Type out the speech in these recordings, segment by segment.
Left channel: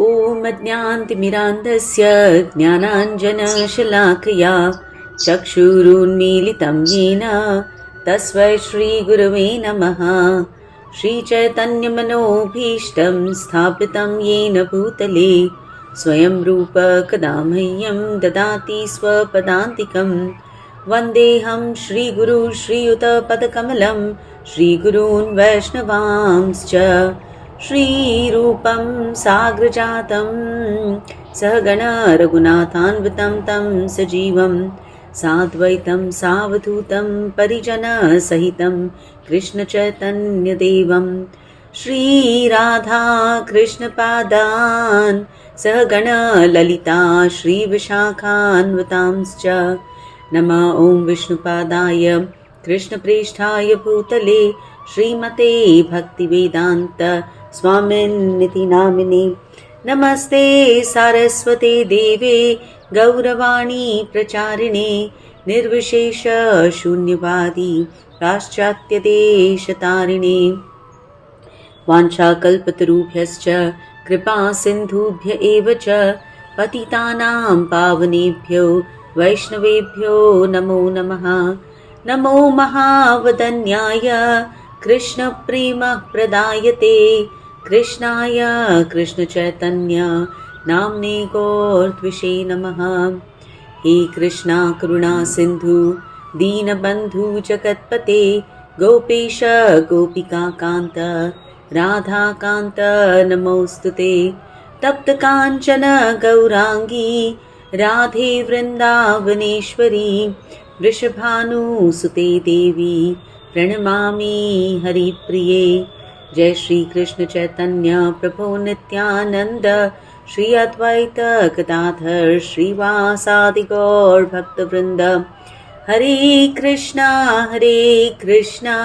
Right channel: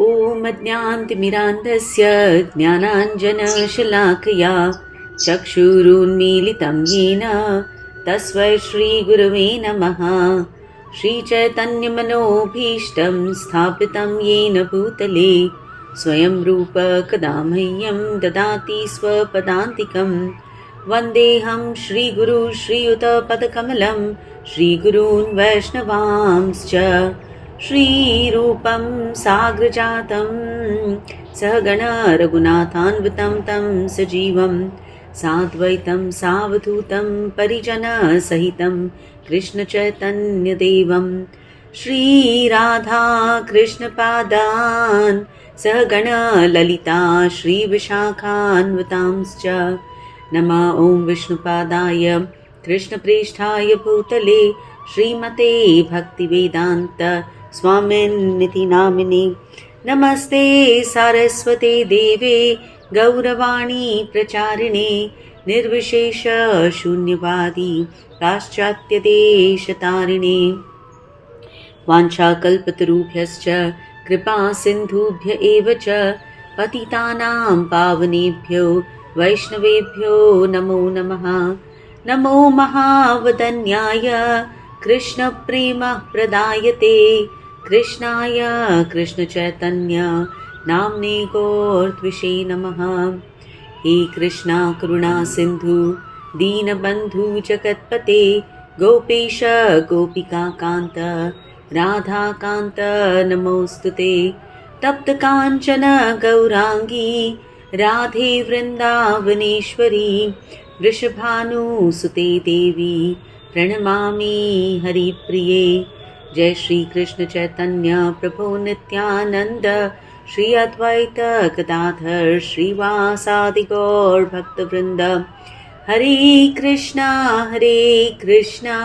ॐ अज्ञानतिमिरान्धस्य ज्ञानाञ्जनशलाकया चक्षुरुन्मीलितं येन तस्मै श्रीगुरवे नमः। श्रीचैतन्यमनोभीष्टं स्थापितं येन भूतले स्वयं रूप कदा मह्यं ददाति स्वपदान्तिकं। वन्देऽहं श्रीगुरु श्रीयुतपदकमलं श्रीगुरून् वैष्णवांश्च श्रीरूपं साग्रजातं सहगण रघुनाथान्वितं तं सजीवं साद्वैतं सावधूतं परिजनसहितं कृष्णचैतन्यदेवं श्रीराधा कृष्णपादान् सहगण ललिता श्रीविशाखान्वितांश्च नमः। ॐ विष्णुपादाय कृष्णप्रेष्ठाय भूतले श्रीमते भक्तिवेदान्त स्वामिन्निति नामिने नमस्ते सारस्वते देवे गौरवाणी प्रचारिणे निर्विशेष शून्यवादी पाश्चात्यदेशतारिणे वाञ्छाकल्पतरुभ्यश्च कृपा सिन्धुभ्य एव च पतितानां पावनेभ्यो वैष्णवेभ्यो नमो नमः। नमो महावदन्याय कृष्णप्रेमः प्रदायते कृष्णाय कृष्णचैतन्य नाम्ने गौरत्विषे नमः। हे कृष्णा करुणा सिन्धु दीनबन्धु जगत्पते गोपेश गोपिकान्त राधाकान्त नमोऽस्तुते। तप्तकाञ्चन गौराङ्गी राधे वृन्दावनेश्वरी वृषभानुसुते देवी प्रणमामि हरिप्रिये। जय श्री कृष्ण चैतन्य प्रभु नित्यानंद श्री अद्वैत गदाधर श्रीवासादि गौर भक्तवृंद। हरे कृष्णा कृष्णा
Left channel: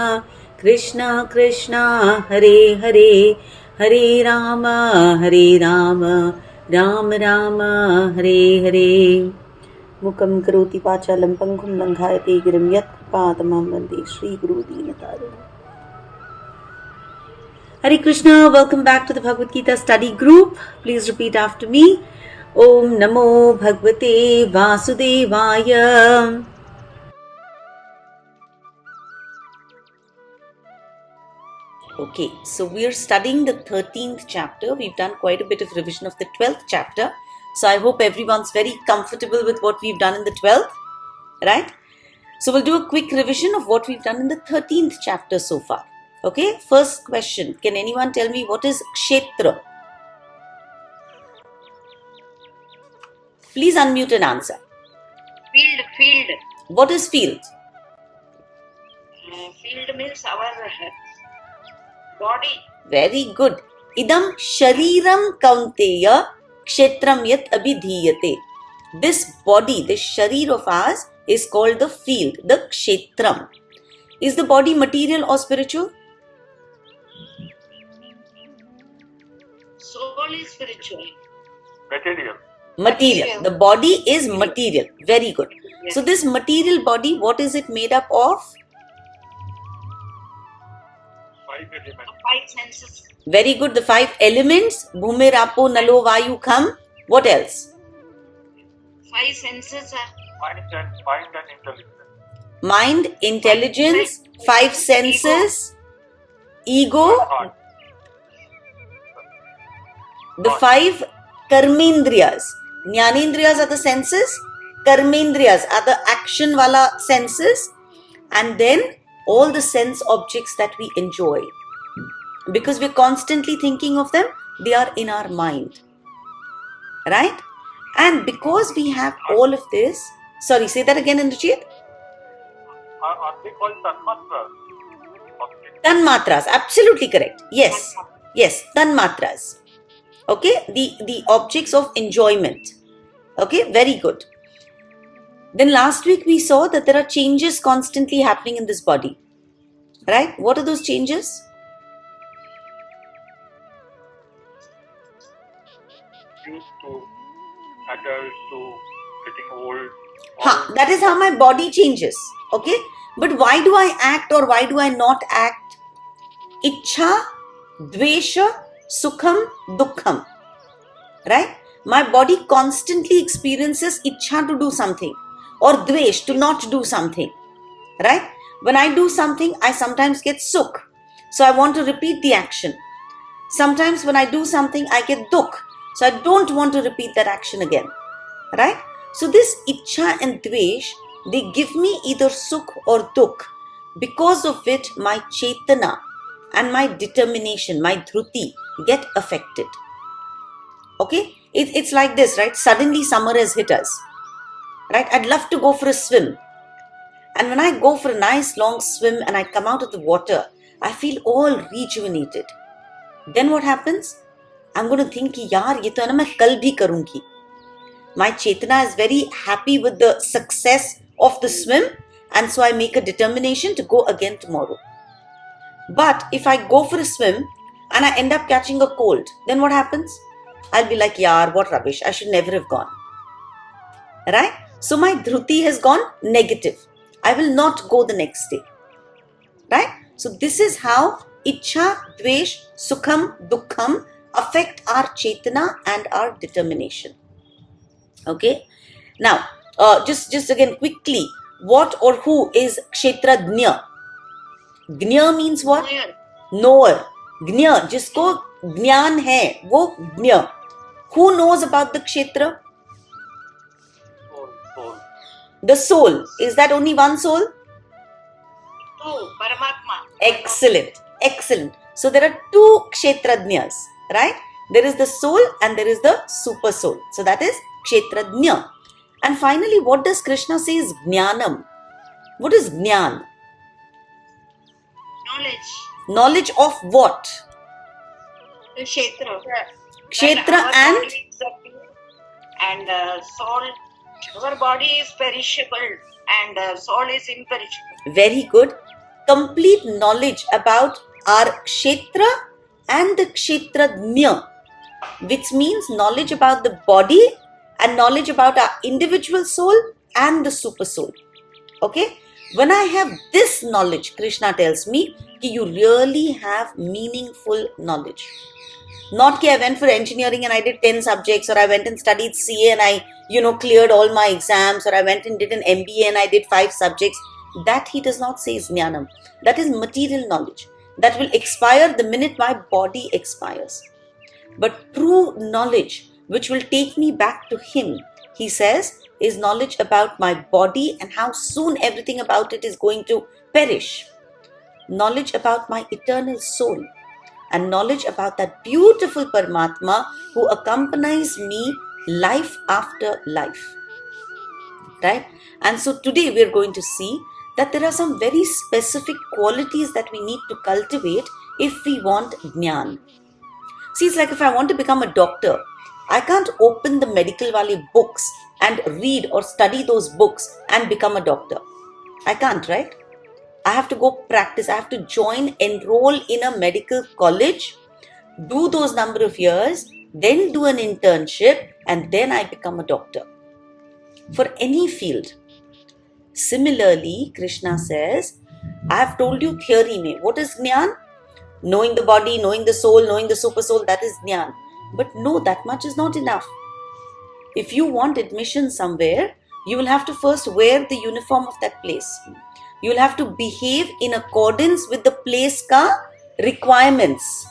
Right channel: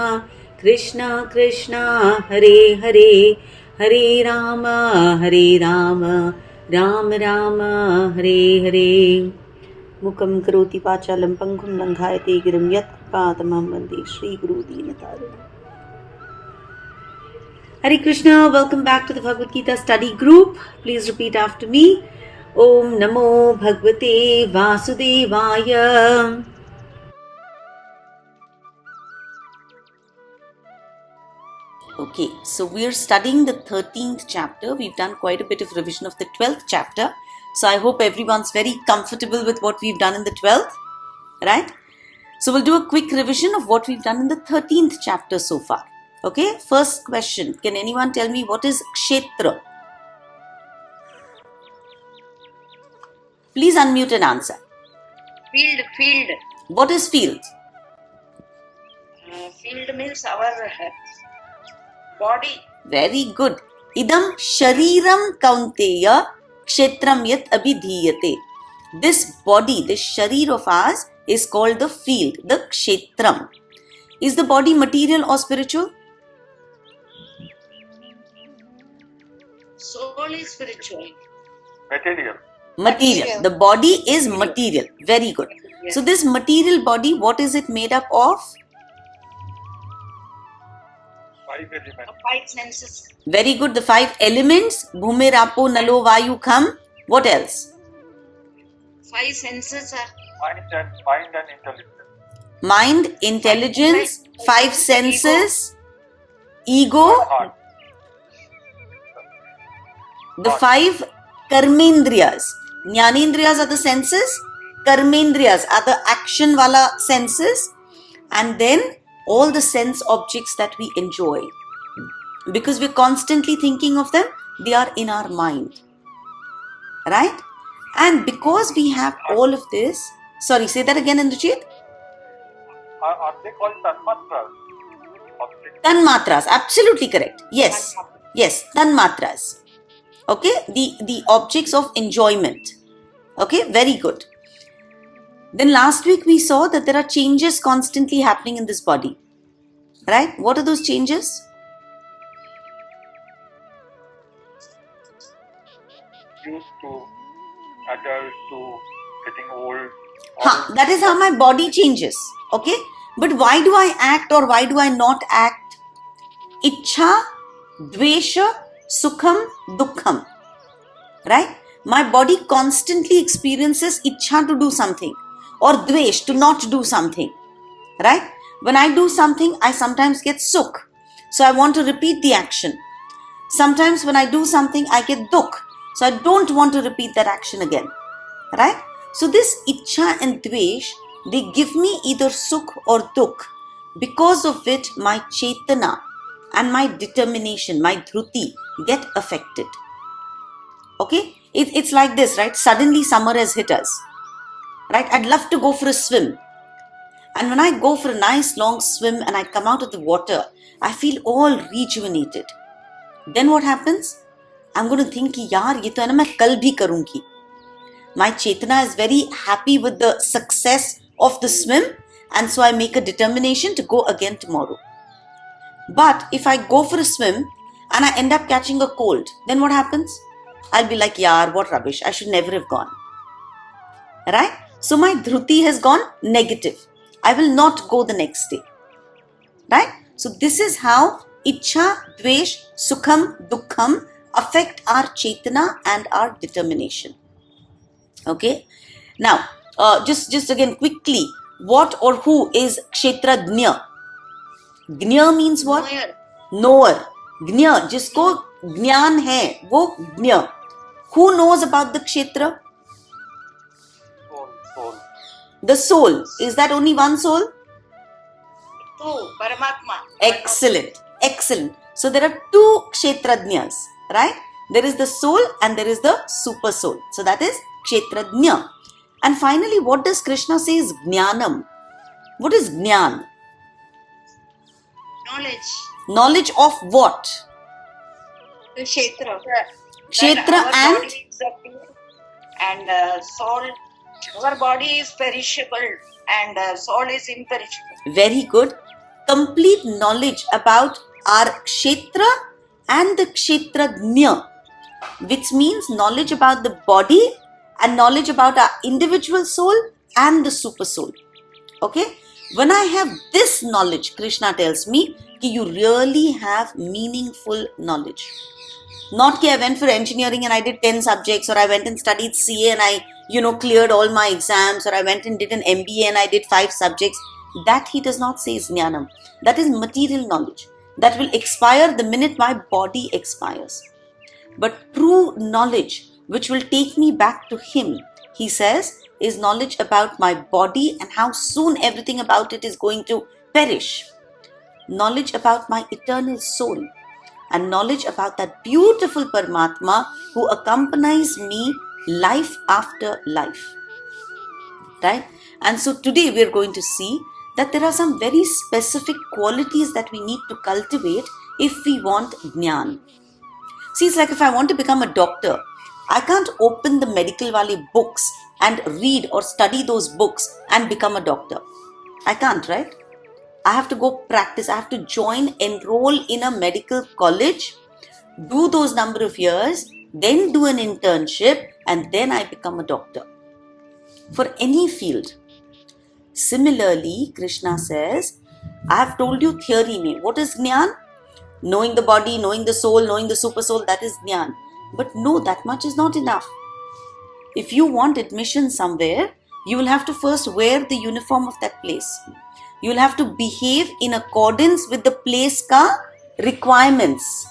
कृष्णा हरे हरे, हरे राम राम राम हरे हरे। मुखं करोति वाचालं पङ्गुं लङ्घयते गिरिं यत्कृपातमहं वन्दे श्रीगुरुदीनतारिणम्। Hare Krishna, welcome back to the Bhagavad Gita study group. Please repeat after me. Om Namo Bhagavate Vasudevaya. Okay, so we are studying the 13th chapter. We've done quite a bit of revision of the 12th chapter. So I hope everyone's very comfortable with what we've done in the 12th, right? So we'll do a quick revision of what we've done in the 13th chapter so far. Okay, first question. Can anyone tell me what is Kshetra? Please unmute and answer. Field. What is field? Field means our body. Very good. Idam shariram kaunteya kshetram yat abhidhiyate. This body, this sharir of ours is called the field, the kshetram. Is the body material or spiritual? Soul is spiritual. Material. The body is material. Very good. Yes. So this material body, what is it made up of? 5 elements. 5 senses. Very good. The 5 elements. Bhumir, Apo, Nalo, Vayu, Kham. What else? 5 senses are Mind and intelligence. Mind, intelligence, 5 senses, ego, Heart. the 5 karmendriyas. Jnanendriyas are the senses, karmendriyas are the action wala senses, and then all the sense objects that we enjoy. Because we're constantly thinking of them, they are in our mind. Right? And because we have all of this, sorry, say that again, Indrajit. Are they called tanmatras? Tanmatras, absolutely correct. Yes, tanmatras. Okay, the objects of enjoyment. Okay, very good. Then last week we saw that there are changes constantly happening in this body. Right? What are those changes? Used to, adult to, getting old. That is how my body changes. Okay, but why do I act or why do I not act? Ichha, dvesha, sukham, dukkham. right? My body constantly experiences ichha to do something or dvesh to not do something, right? When I do something, I sometimes get sukh, so I want to repeat the action. Sometimes when I do something, I get dukh, so I don't want to repeat that action again, right? So this ichha and dvesh, they give me either sukh or dukh, because of which my chetana and my determination, my dhruti, get affected. Okay, it's like this, right? Suddenly summer has hit us, right? I'd love to go for a swim, and when I go for a nice long swim and I come out of the water, I feel all rejuvenated. Then what happens? I'm going to think कि यार ये तो है ना, मैं कल भी करूंगी. My chetana is very happy with the success of the swim, and so I make a determination to go again tomorrow. But if I go for a swim and I end up catching a cold, then what happens? I'll be like, yaar, what rubbish, I should never have gone. Right? So my dhruti has gone negative. I will not go the next day. Right? So this is how ichha, dvesh, sukham, dukkham affect our chetana and our determination. Okay? Now, just again quickly, what or who is kshetradnya? Gnya means what? Knower. Knower. Gnya, जिसको ज्ञान है वो ज्ञ. Who knows about the kshetra? Soul. The soul. Is that only one soul? Two, Paramatma. Excellent. Excellent. So there are two kshetradnyas, right? There is the soul and there is the super soul. So that is kshetradnya. And finally, what does Krishna say is jnanam? What is jnan? Knowledge. Knowledge of what? The Kshetra. Kshetra That our and? body is and soul. Our body is perishable and soul is imperishable. Very good. Complete knowledge about our kshetra and the kshetradnya, which means knowledge about the body and knowledge about our individual soul and the super soul. Okay? When I have this knowledge, Krishna tells me that you really have meaningful knowledge. Not that I went for engineering and I did 10 subjects, or I went and studied CA and I, cleared all my exams, or I went and did an MBA and I did 5 subjects. That he does not say is jnanam. That is material knowledge. That will expire the minute my body expires. But true knowledge, which will take me back to him, he says, is knowledge about my body and how soon everything about it is going to perish. Knowledge about my eternal soul. And knowledge about that beautiful Paramatma who accompanies me life after life. Right? And so today we are going to see that there are some very specific qualities that we need to cultivate if we want jnana. See, it's like if I want to become a doctor, I can't open the Medical Valley books and read or study those books and become a doctor. I can't, right? I have to go practice. I have to enroll in a medical college, do those number of years, then do an internship, and then I become a doctor. For any field. Similarly, Krishna says, I have told you theory mein. What is jnana? Knowing the body, knowing the soul, knowing the super soul, that is jnana. But no, that much is not enough. If you want admission somewhere, you will have to first wear the uniform of that place. You will have to behave in accordance with the place ka requirements.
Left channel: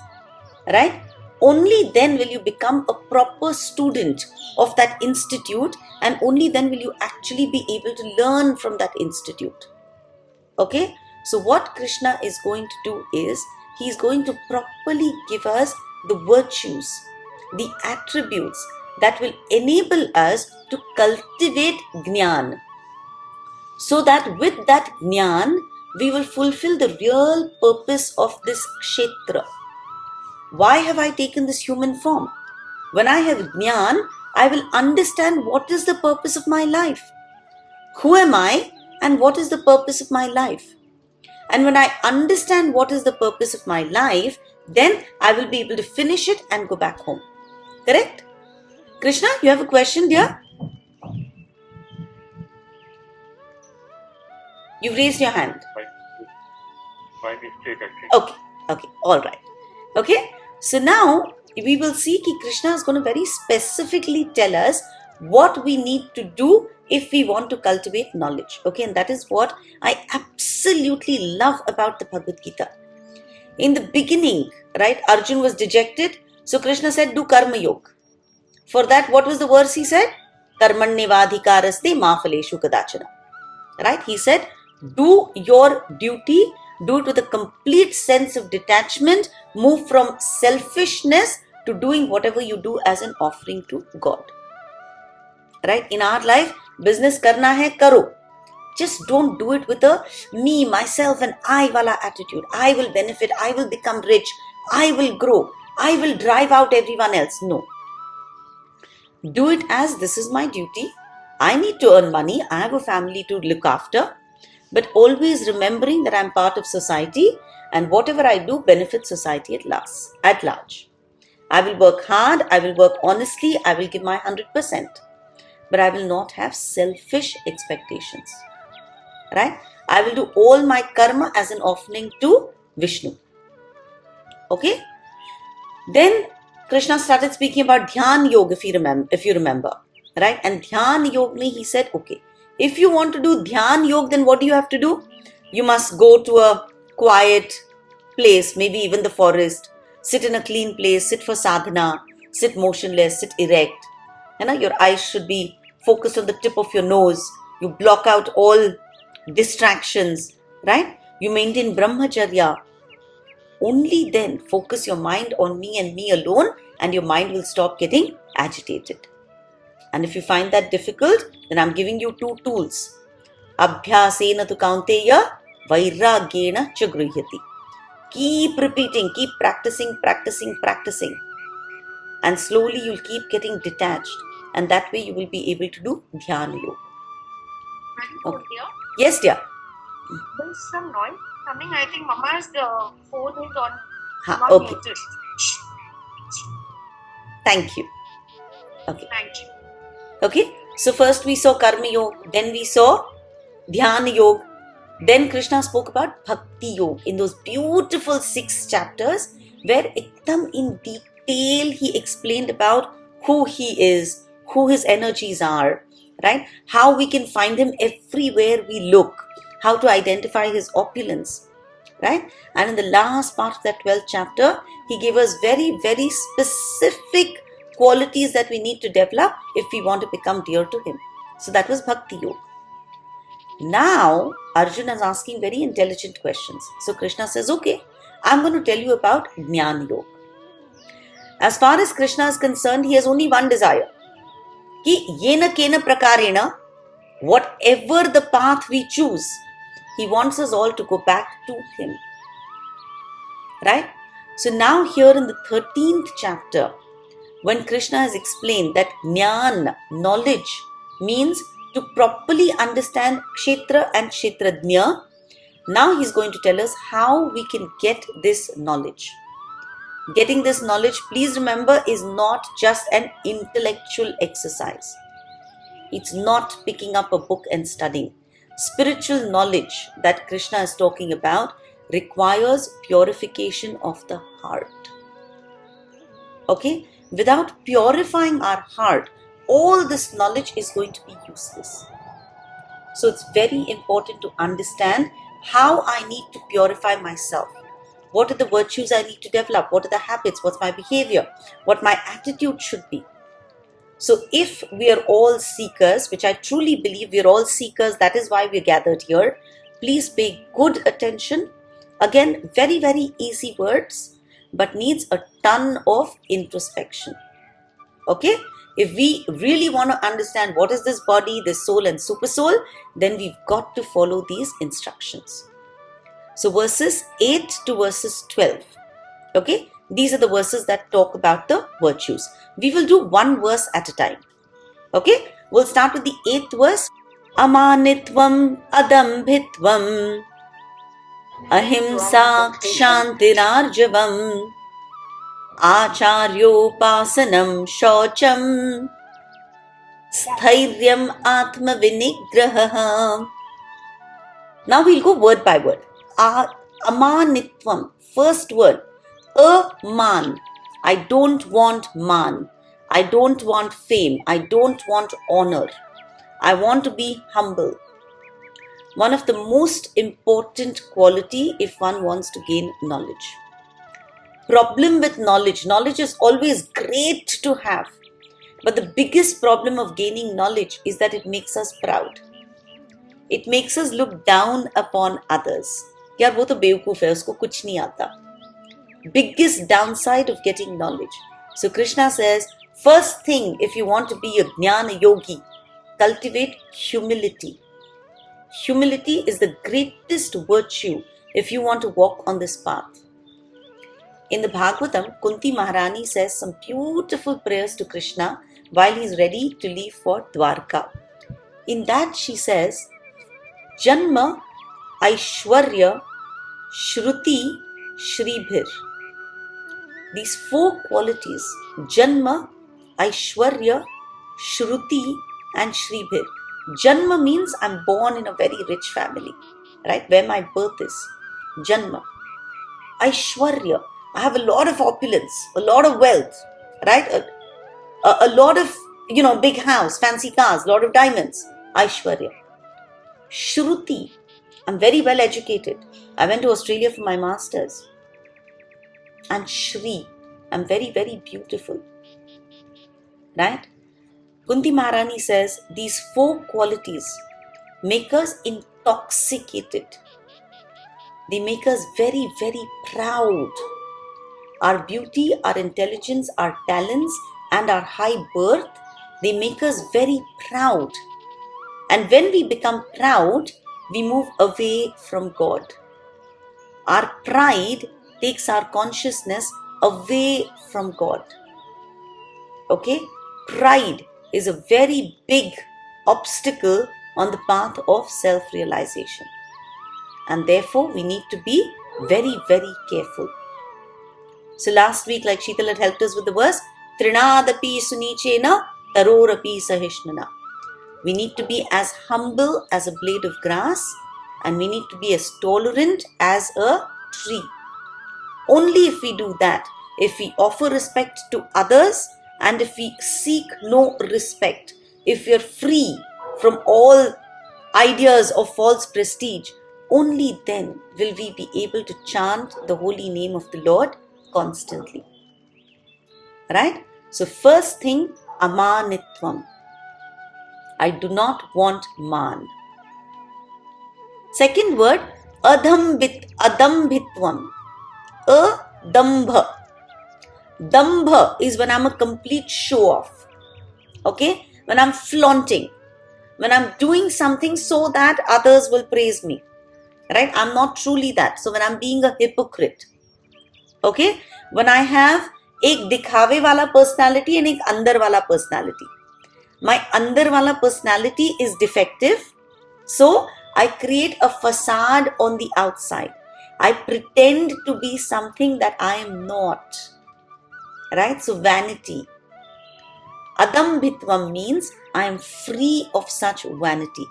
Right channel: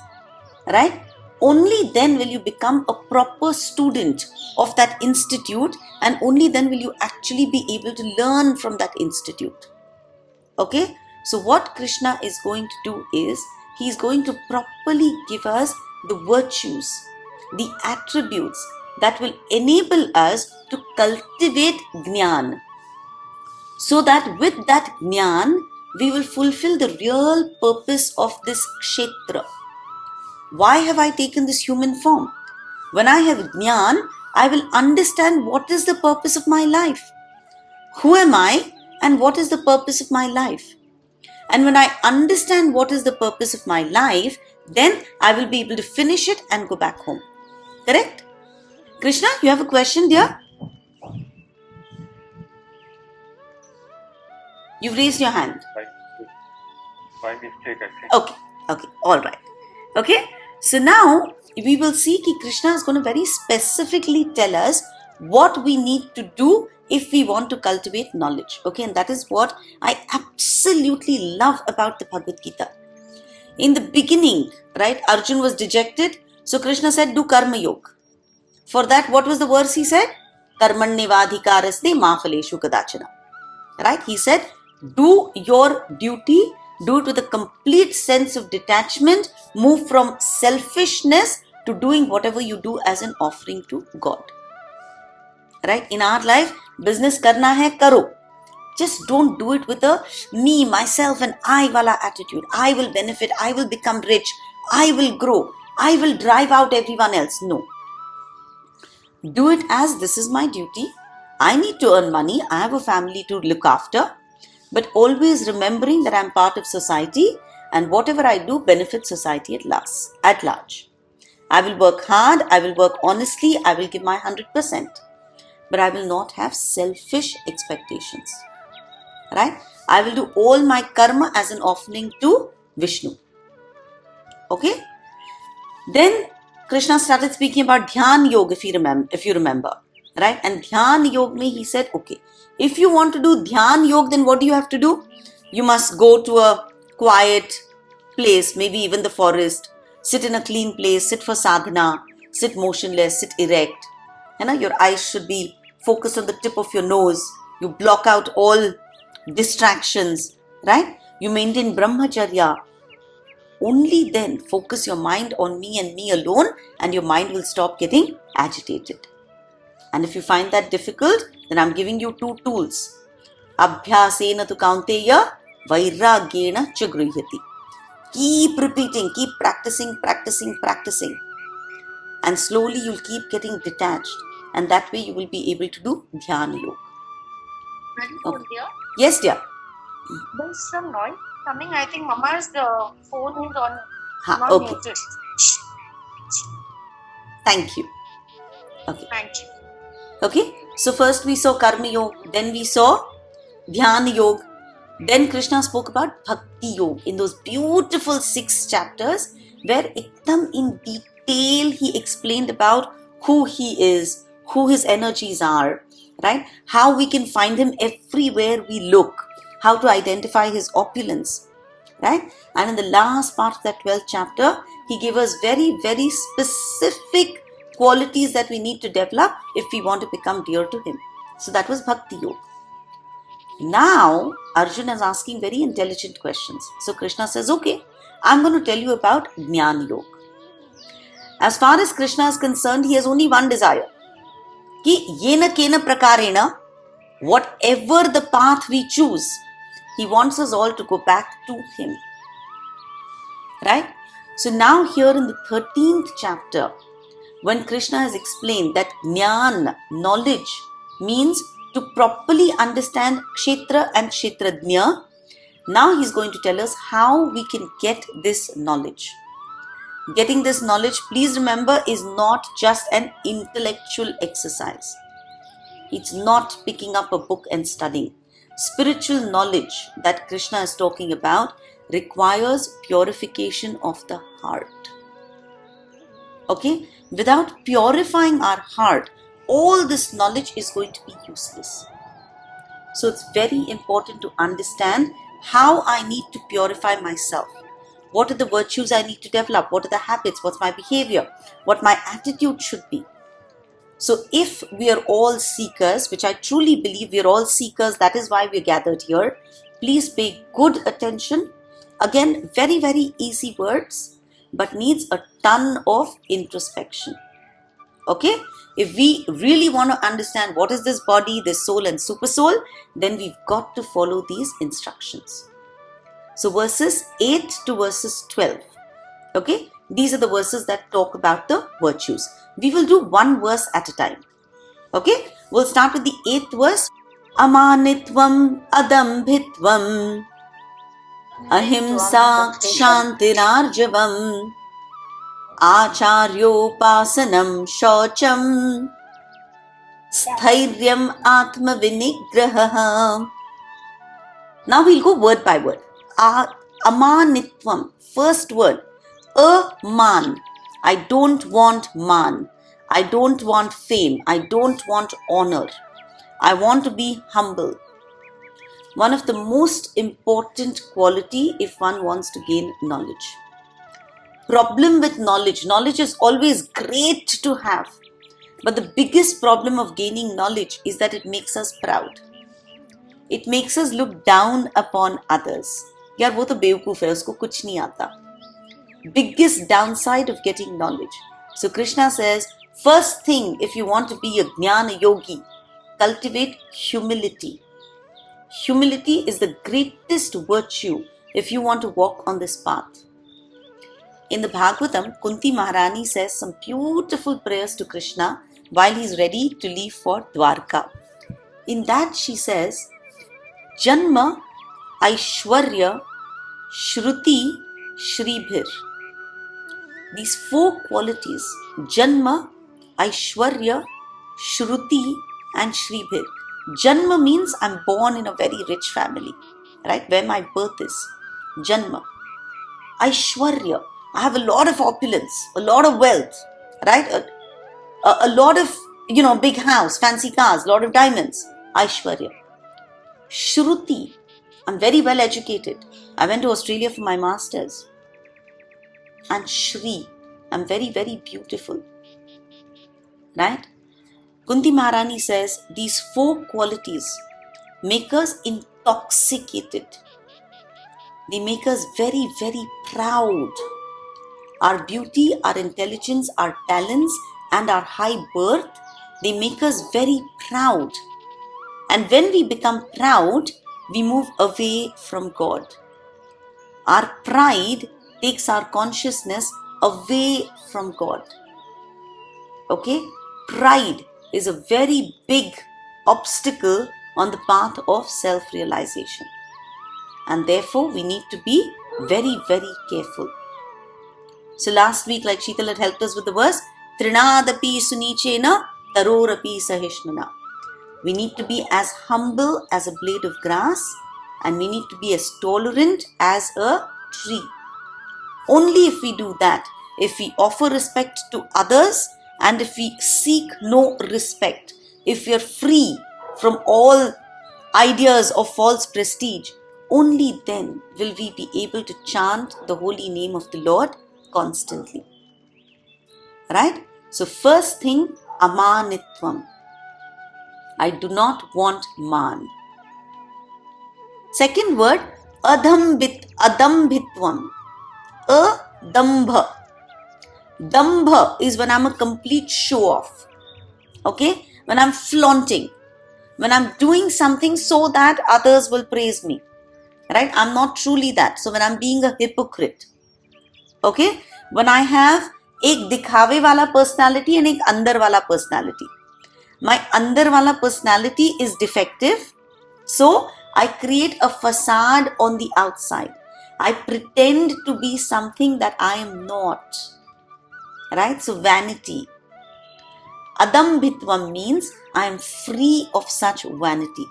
Right? Only then will you become a proper student of that institute, and only then will you actually be able to learn from that institute. Okay? So what Krishna is going to do is, he is going to properly give us the virtues, the attributes that will enable us to cultivate jnana. So that with that jnana, we will fulfill the real purpose of this kshetra. Why have I taken this human form? When I have jnana, I will understand what is the purpose of my life. Who am I and what is the purpose of my life? And when I understand what is the purpose of my life, then I will be able to finish it and go back home. Correct? Krishna, you have a question, dear? You've raised your hand. By mistake, I think. Okay, all right. Okay, So now we will see that Krishna is going to very specifically tell us what we need to do if we want to cultivate knowledge. Okay, and that is what I absolutely love about the Bhagavad Gita. In the beginning, right, Arjun was dejected. So Krishna said, do karma yoga. For that, what was the verse he said? Karmanyevadhikaraste ma phaleshu kadachana. Right? He said, do your duty, do it with a complete sense of detachment, move from selfishness to doing whatever you do as an offering to God. Right? In our life, business karna hai, karo. Just don't do it with a me, myself and I wala attitude. I will benefit, I will become rich, I will grow, I will drive out everyone else. No. Do it as this is my duty. I need to earn money. I have a family to look after. But always remembering that I'm part of society and whatever I do benefits society at large. I will work hard, I will work honestly, I will give my 100%. But I will not have selfish expectations. Right? I will do all my karma as an offering to Vishnu. Okay? Then Krishna started speaking about Dhyan Yoga, if you remember. Right? And Dhyan Yoga, he said, okay, if you want to do Dhyan Yoga, then what do you have to do? You must go to a quiet place, maybe even the forest, sit in a clean place, sit for sadhana, sit motionless, sit erect. Your eyes should be focused on the tip of your nose. You block out all distractions, right? You maintain brahmacharya. Only then focus your mind on me and me alone, and your mind will stop getting agitated. And if you find that difficult, then I'm giving you 2 tools. Abhyasena tu kaunteya, vairagyena cha grihyati. Keep repeating, keep practicing. And slowly you'll keep getting detached. And that way you will be able to do Dhyana Yoga. Okay. Yes, dear. There's some noise coming. I think Mama's phone is on. Ha, Not okay. muted. Thank you. Okay. Thank you. Okay. So first we saw Karma Yoga, then we saw Dhyana Yoga. Then Krishna spoke about Bhakti Yoga in those beautiful 6 chapters where ekdam in detail he explained about who he is, who his energies are, right? How we can find him everywhere we look, how to identify his opulence, right? And in the last part of that 12th chapter, he gave us very, very specific qualities that we need to develop if we want to become dear to him. So that was Bhakti Yoga. Now, Arjuna is asking very intelligent questions. So Krishna says, okay, I'm going to tell you about Jnana Yoga. As far as Krishna is concerned, he has only one desire. Ki yena kena prakarena, whatever the path we choose, he wants us all to go back to him. Right? So now here in the 13th chapter, when Krishna has explained that Jnana, knowledge, means to properly understand Kshetra and Kshetrajna, now he's going to tell us how we can get this knowledge. Getting this knowledge, please remember, is not just an intellectual exercise. It's not picking up a book and studying. Spiritual knowledge that Krishna is talking about requires purification of the heart. Okay? Without purifying our heart, all this knowledge is going to be useless. So it's very important to understand how I need to purify myself. What are the virtues I need to develop? What are the habits? What's my behavior? What my attitude should be? So if we are all seekers, which I truly believe we are all seekers, that is why we are gathered here, please pay good attention. Again, very, very easy words, but needs a ton of introspection. Okay? If we really want to understand what is this body, this soul and super soul, then we've got to follow these instructions. So verses 8 to verses 12. Okay? These are the verses that talk about the virtues. We will do one verse at a time. Okay? We'll start with the 8th verse. Amanitvam adambhitvam ahimsa kshantirarjavam acharyopasanam shaucham sthairyam atma vinigraha. Now we'll go word by word. Amanitvam, first word. man. I don't want man. I don't want fame. I don't want honor. I want to be humble. One of the most important quality if one wants to gain knowledge. Problem with knowledge is always great to have. But the biggest problem of gaining knowledge is that it makes us proud. It makes us look down upon others. यार वो तो बेवकूफ है, उसको कुछ नहीं आता. Biggest downside of getting knowledge. So Krishna says, first thing, if you want to be a jnana yogi, cultivate humility. Humility is the greatest virtue if you want to walk on this path. In the Bhagavatam, Kunti Maharani says some beautiful prayers to Krishna while he's ready to leave for Dwarka. In that she says, Janma, Aishwarya, Shruti, Shribhir. These four qualities, Janma, Aishwarya, Shruti and Shribhir. Janma means I'm born in a very rich family, right? Where my birth is. Janma. Aishwarya. I have a lot of opulence, a lot of wealth, right? A lot of, big house, fancy cars, lot of diamonds. Aishwarya. Shruti. I'm very well educated. I went to Australia for my masters. And Shri. I'm very, very beautiful. Right? Kunti Maharani says these four qualities make us intoxicated. They make us very, very proud. Our beauty, our intelligence, our talents, and our high birth, they make us very proud. And when we become proud, we move away from God. Our pride takes our consciousness away from God. Okay? Pride is a very big obstacle on the path of self-realization. And therefore, we need to be very, very careful. So last week, like Sheetal had helped us with the verse, Trinadapi sunichena tarorapi sahishnana. We need to be as humble as a blade of grass, and we need to be as tolerant as a tree. Only if we do that, if we offer respect to others, and if we seek no respect, if we are free from all ideas of false prestige, only then will we be able to chant the holy name of the Lord constantly. Right? So first thing, amanitvam. I do not want man. Second word, adambhitvam. Adambha. Dambha is when I'm a complete show off. Okay? When I'm flaunting. When I'm doing something so that others will praise me. Right? I'm not truly that. So when I'm being a hypocrite. Okay? When I have एक दिखावे वाला personality and एक अंदर वाला personality. My अंदर वाला personality is defective. So I create a facade on the outside. I pretend to be something that I am not. Right? So vanity. Adambhitvam means I am free of such vanity.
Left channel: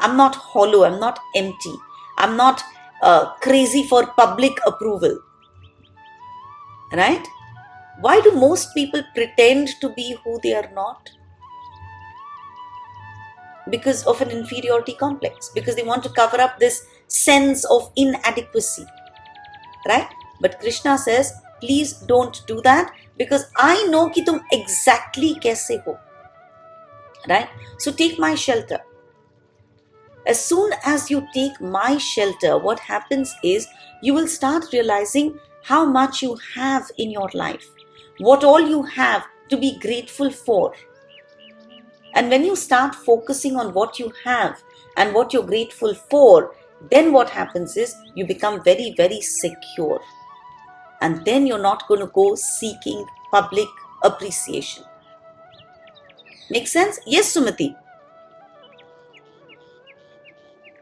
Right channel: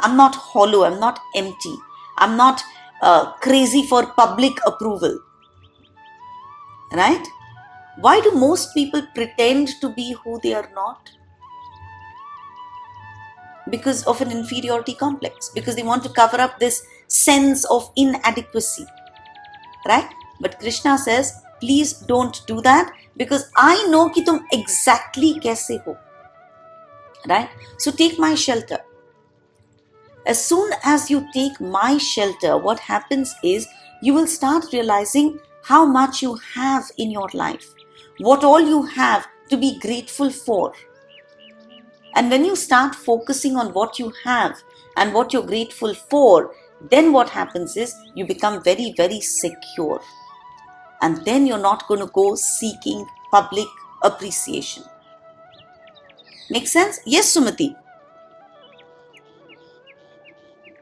I'm not hollow. I'm not empty. I'm not crazy for public approval. Right? Why do most people pretend to be who they are not? Because of an inferiority complex. Because they want to cover up this sense of inadequacy. Right? But Krishna says, please don't do that, because I know कि तुम exactly कैसे हो. Right? So take my shelter. As soon as you take my shelter, what happens is you will start realizing how much you have in your life. What all you have to be grateful for. And when you start focusing on what you have and what you're grateful for, then what happens is you become very, very secure. And then you're not going to go seeking public appreciation. Make sense? Yes, Sumati.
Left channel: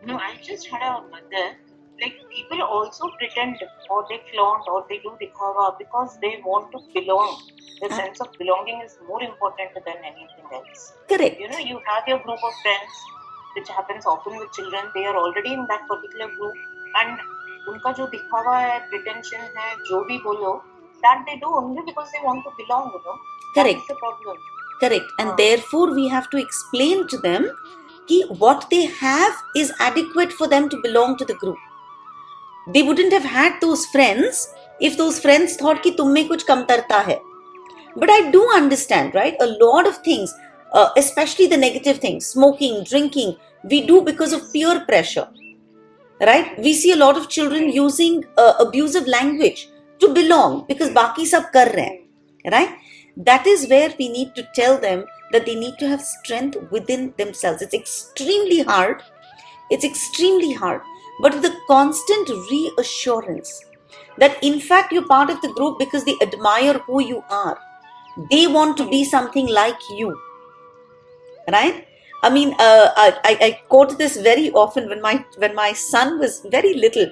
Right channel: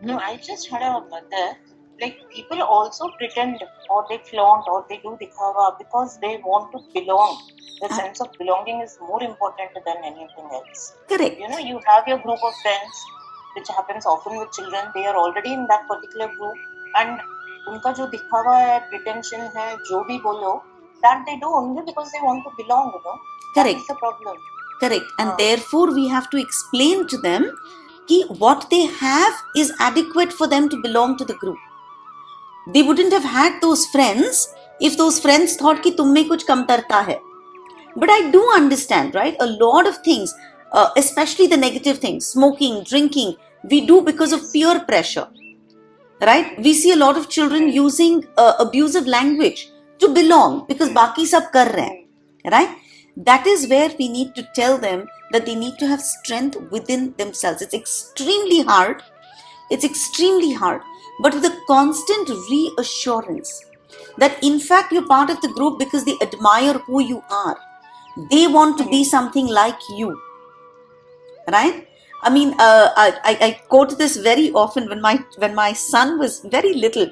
No, I just had a mother. Like people also pretend or they flaunt or they do dikhava because they want to belong. The sense of belonging is more important than anything else. Correct. You have your group of friends, which happens often with children. They are already in that particular group, and उनका जो दिखावा है, pretension है, जो भी बोलो, that they do only because they want to belong, you know. That Correct. is the problem. Correct. And हाँ. therefore we have to explain to them कि what they have is adequate for them to belong to the group. They wouldn't have had those friends if those friends thought कि तुम में कुछ कमतरता है. But I do understand, right? A lot of things, especially the negative things, smoking, drinking, we do because of peer pressure, right? We see a lot of children using abusive language to belong because बाकी सब कर रहे हैं, right? That is where we need to tell them that they need to have strength within themselves. It's extremely hard. It's extremely hard. But with a constant reassurance that in fact you're part of the group because they admire who you are. They want to be something like you, right? I mean, I quote this very often when my son was very little.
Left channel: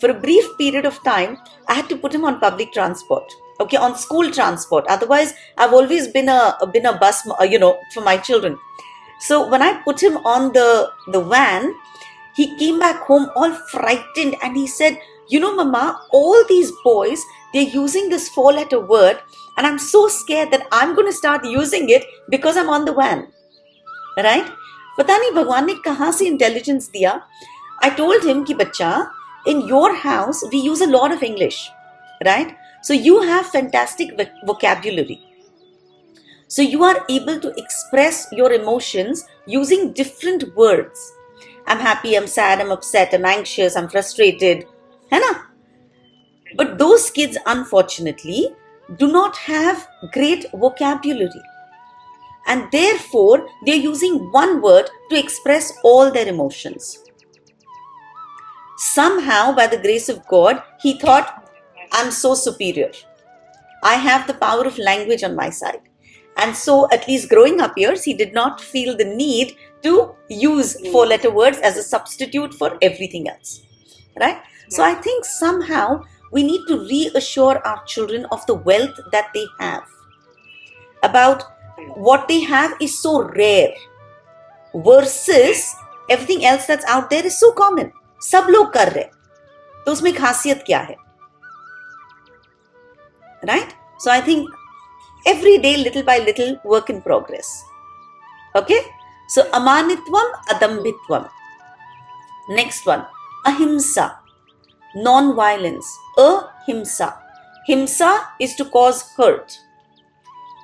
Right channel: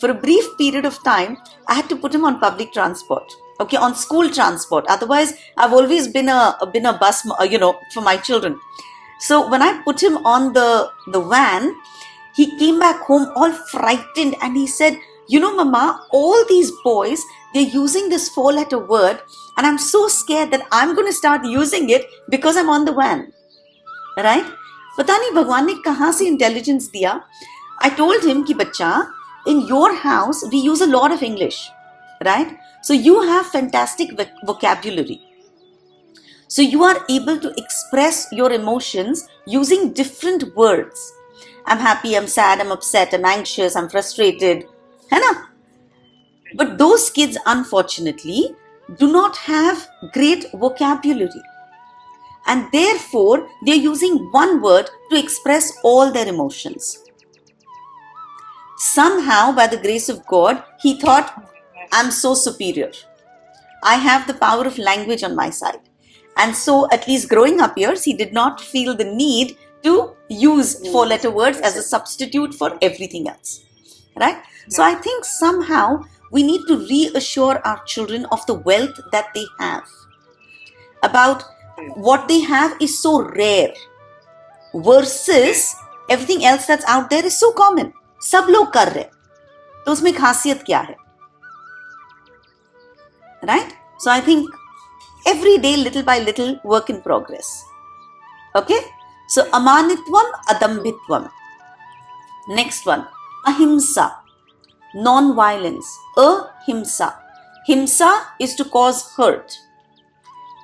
For a brief period of time, I had to put him on public transport, okay, on school transport. Otherwise, I've always been a bus, for my children. So when I put him on the van, he came back home all frightened and he said, Mama, all these boys, they're using this 4-letter word and I'm so scared that I'm going to start using it because I'm on the van. Right? पता नहीं भगवान ने कहाँ से intelligence दिया. I told him कि बच्चा, in your house we use a lot of English, right? So you have fantastic vocabulary. So you are able to express your emotions using different words. I'm happy, I'm sad, I'm upset, I'm anxious, I'm frustrated. है ना? But those kids, unfortunately, do not have great vocabulary. And therefore, they're using one word to express all their emotions. Somehow, by the grace of God, he thought, I'm so superior. I have the power of language on my side. And so, at least growing up years, he did not feel the need to use 4-letter words as a substitute for everything else. Right? So I think somehow we need to reassure our children of the wealth that they have. About what they have is so rare versus everything else that's out there is so common. सब लोग कर रहे, तो उसमें खासियत क्या है? Right? So I think every day, little by little, work in progress. Okay? So amanitvam, adambhitvam. Next one, ahimsa, non-violence. Ahimsa. Himsa is to cause hurt.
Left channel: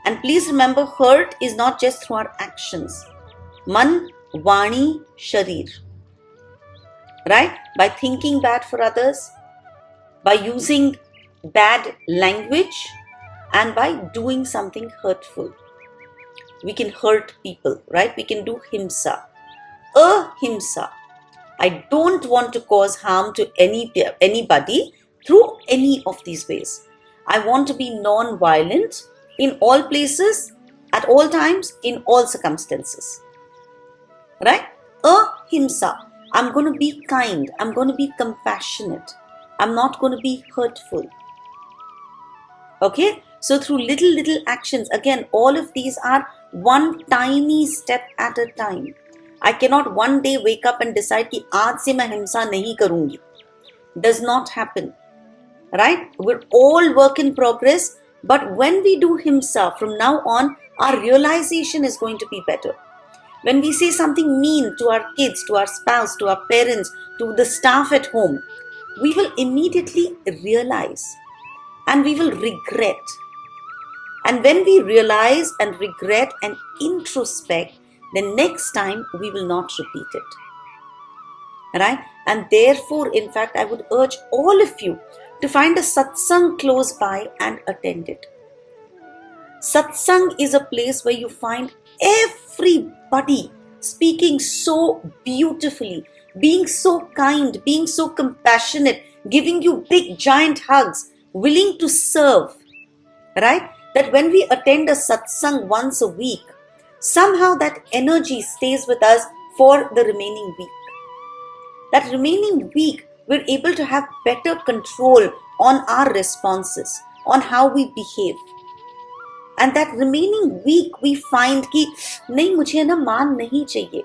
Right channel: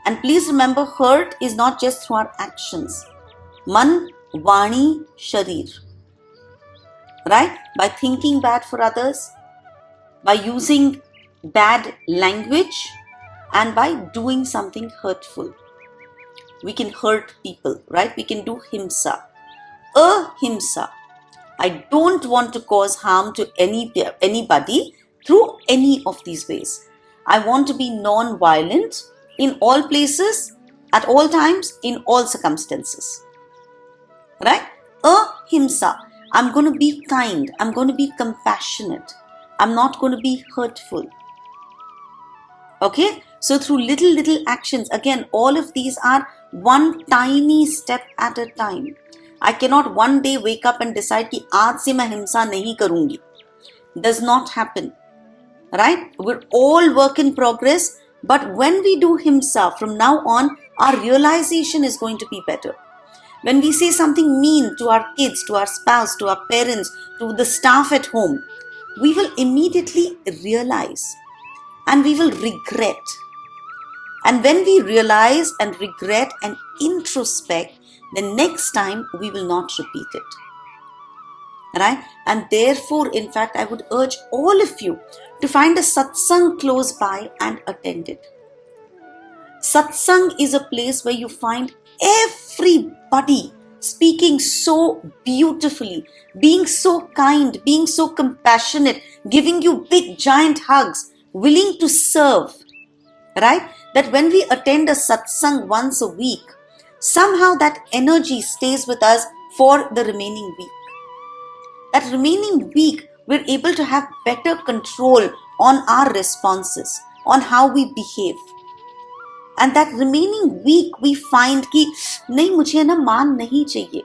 And please remember, hurt is not just through our actions. Man, vani, sharir. Right? By thinking bad for others, by using bad language, and by doing something hurtful. We can hurt people, right? We can do himsa. Ahimsa. I don't want to cause harm to anybody through any of these ways. I want to be non-violent in all places, at all times, in all circumstances. Right? Ahimsa. I'm going to be kind. I'm going to be compassionate. I'm not going to be hurtful. Okay? So through little actions, again, all of these are one tiny step at a time. I cannot one day wake up and decide कि आज से मैं हिंसा नहीं करूंगी. Does not happen. Right? We're all work in progress. But when we do himsa, from now on, our realization is going to be better. When we say something mean to our kids, to our spouse, to our parents, to the staff at home, we will immediately realize and we will regret. And when we realize and regret and introspect, then next time we will not repeat it. Right? And therefore, in fact, I would urge all of you to find a satsang close by and attend it. Satsang is a place where you find everybody speaking so beautifully, being so kind, being so compassionate, giving you big giant hugs, willing to serve. Right? That when we attend a satsang once a week, somehow that energy stays with us for the remaining week. That remaining week, we're able to have better control on our responses, on how we behave. And that remaining week, we find कि नहीं मुझे ना मान नहीं चाहिए,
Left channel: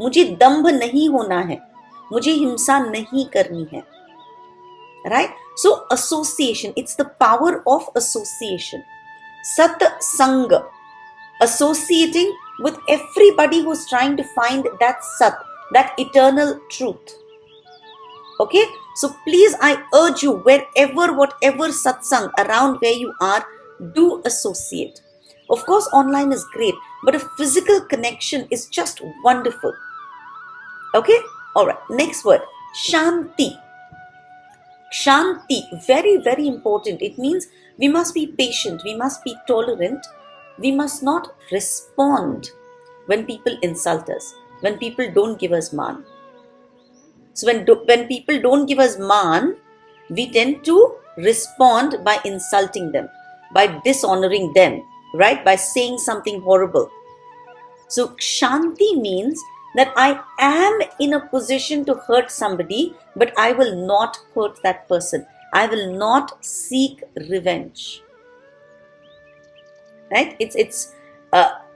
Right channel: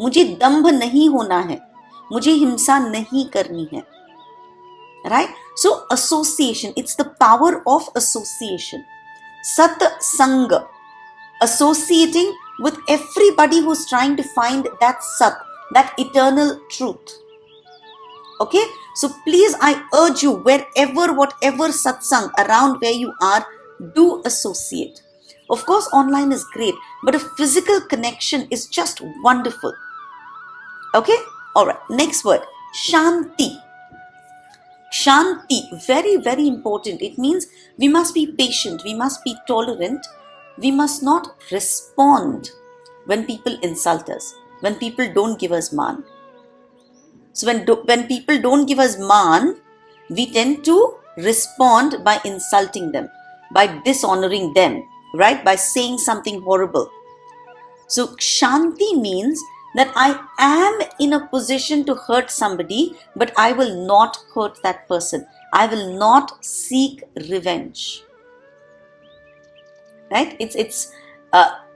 मुझे दंभ नहीं होना है, मुझे हिंसा नहीं करनी है. right? So association, it's the power of association. Sat Sangha, associating with everybody who's trying to find that Sat, that eternal truth. Okay, so please, I urge you, whatever satsang around where you are, do associate. Of course, online is great, but a physical connection is just wonderful. Okay, all right, next word, Shanti. Shanti, very, very important. It means we must be patient, we must be tolerant, we must not respond when people insult us, when people don't give us man. So when people don't give us man, we tend to respond by insulting them, by dishonoring them, right? By saying something horrible. So Shanti means that I am in a position to hurt somebody, but I will not hurt that person. I will not seek revenge. Right? It's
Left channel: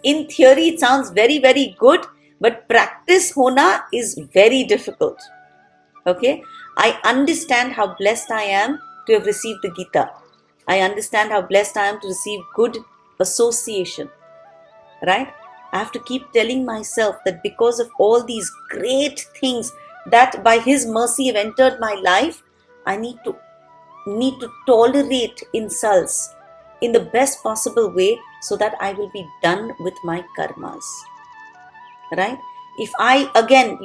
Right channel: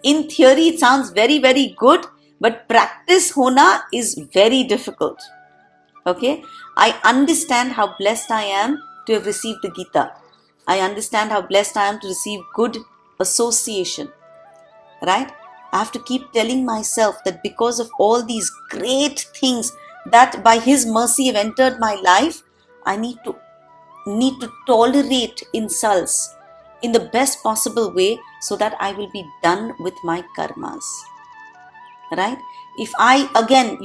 in theory it sounds very, very good, but practice hona is very difficult. Okay, I understand how blessed I am to have received the Gita. I understand how blessed I am to receive good association. Right? I have to keep telling myself that because of all these great things that by His mercy have entered my life, I need to tolerate insults in the best possible way so that I will be done with my karmas. Right? If I, again,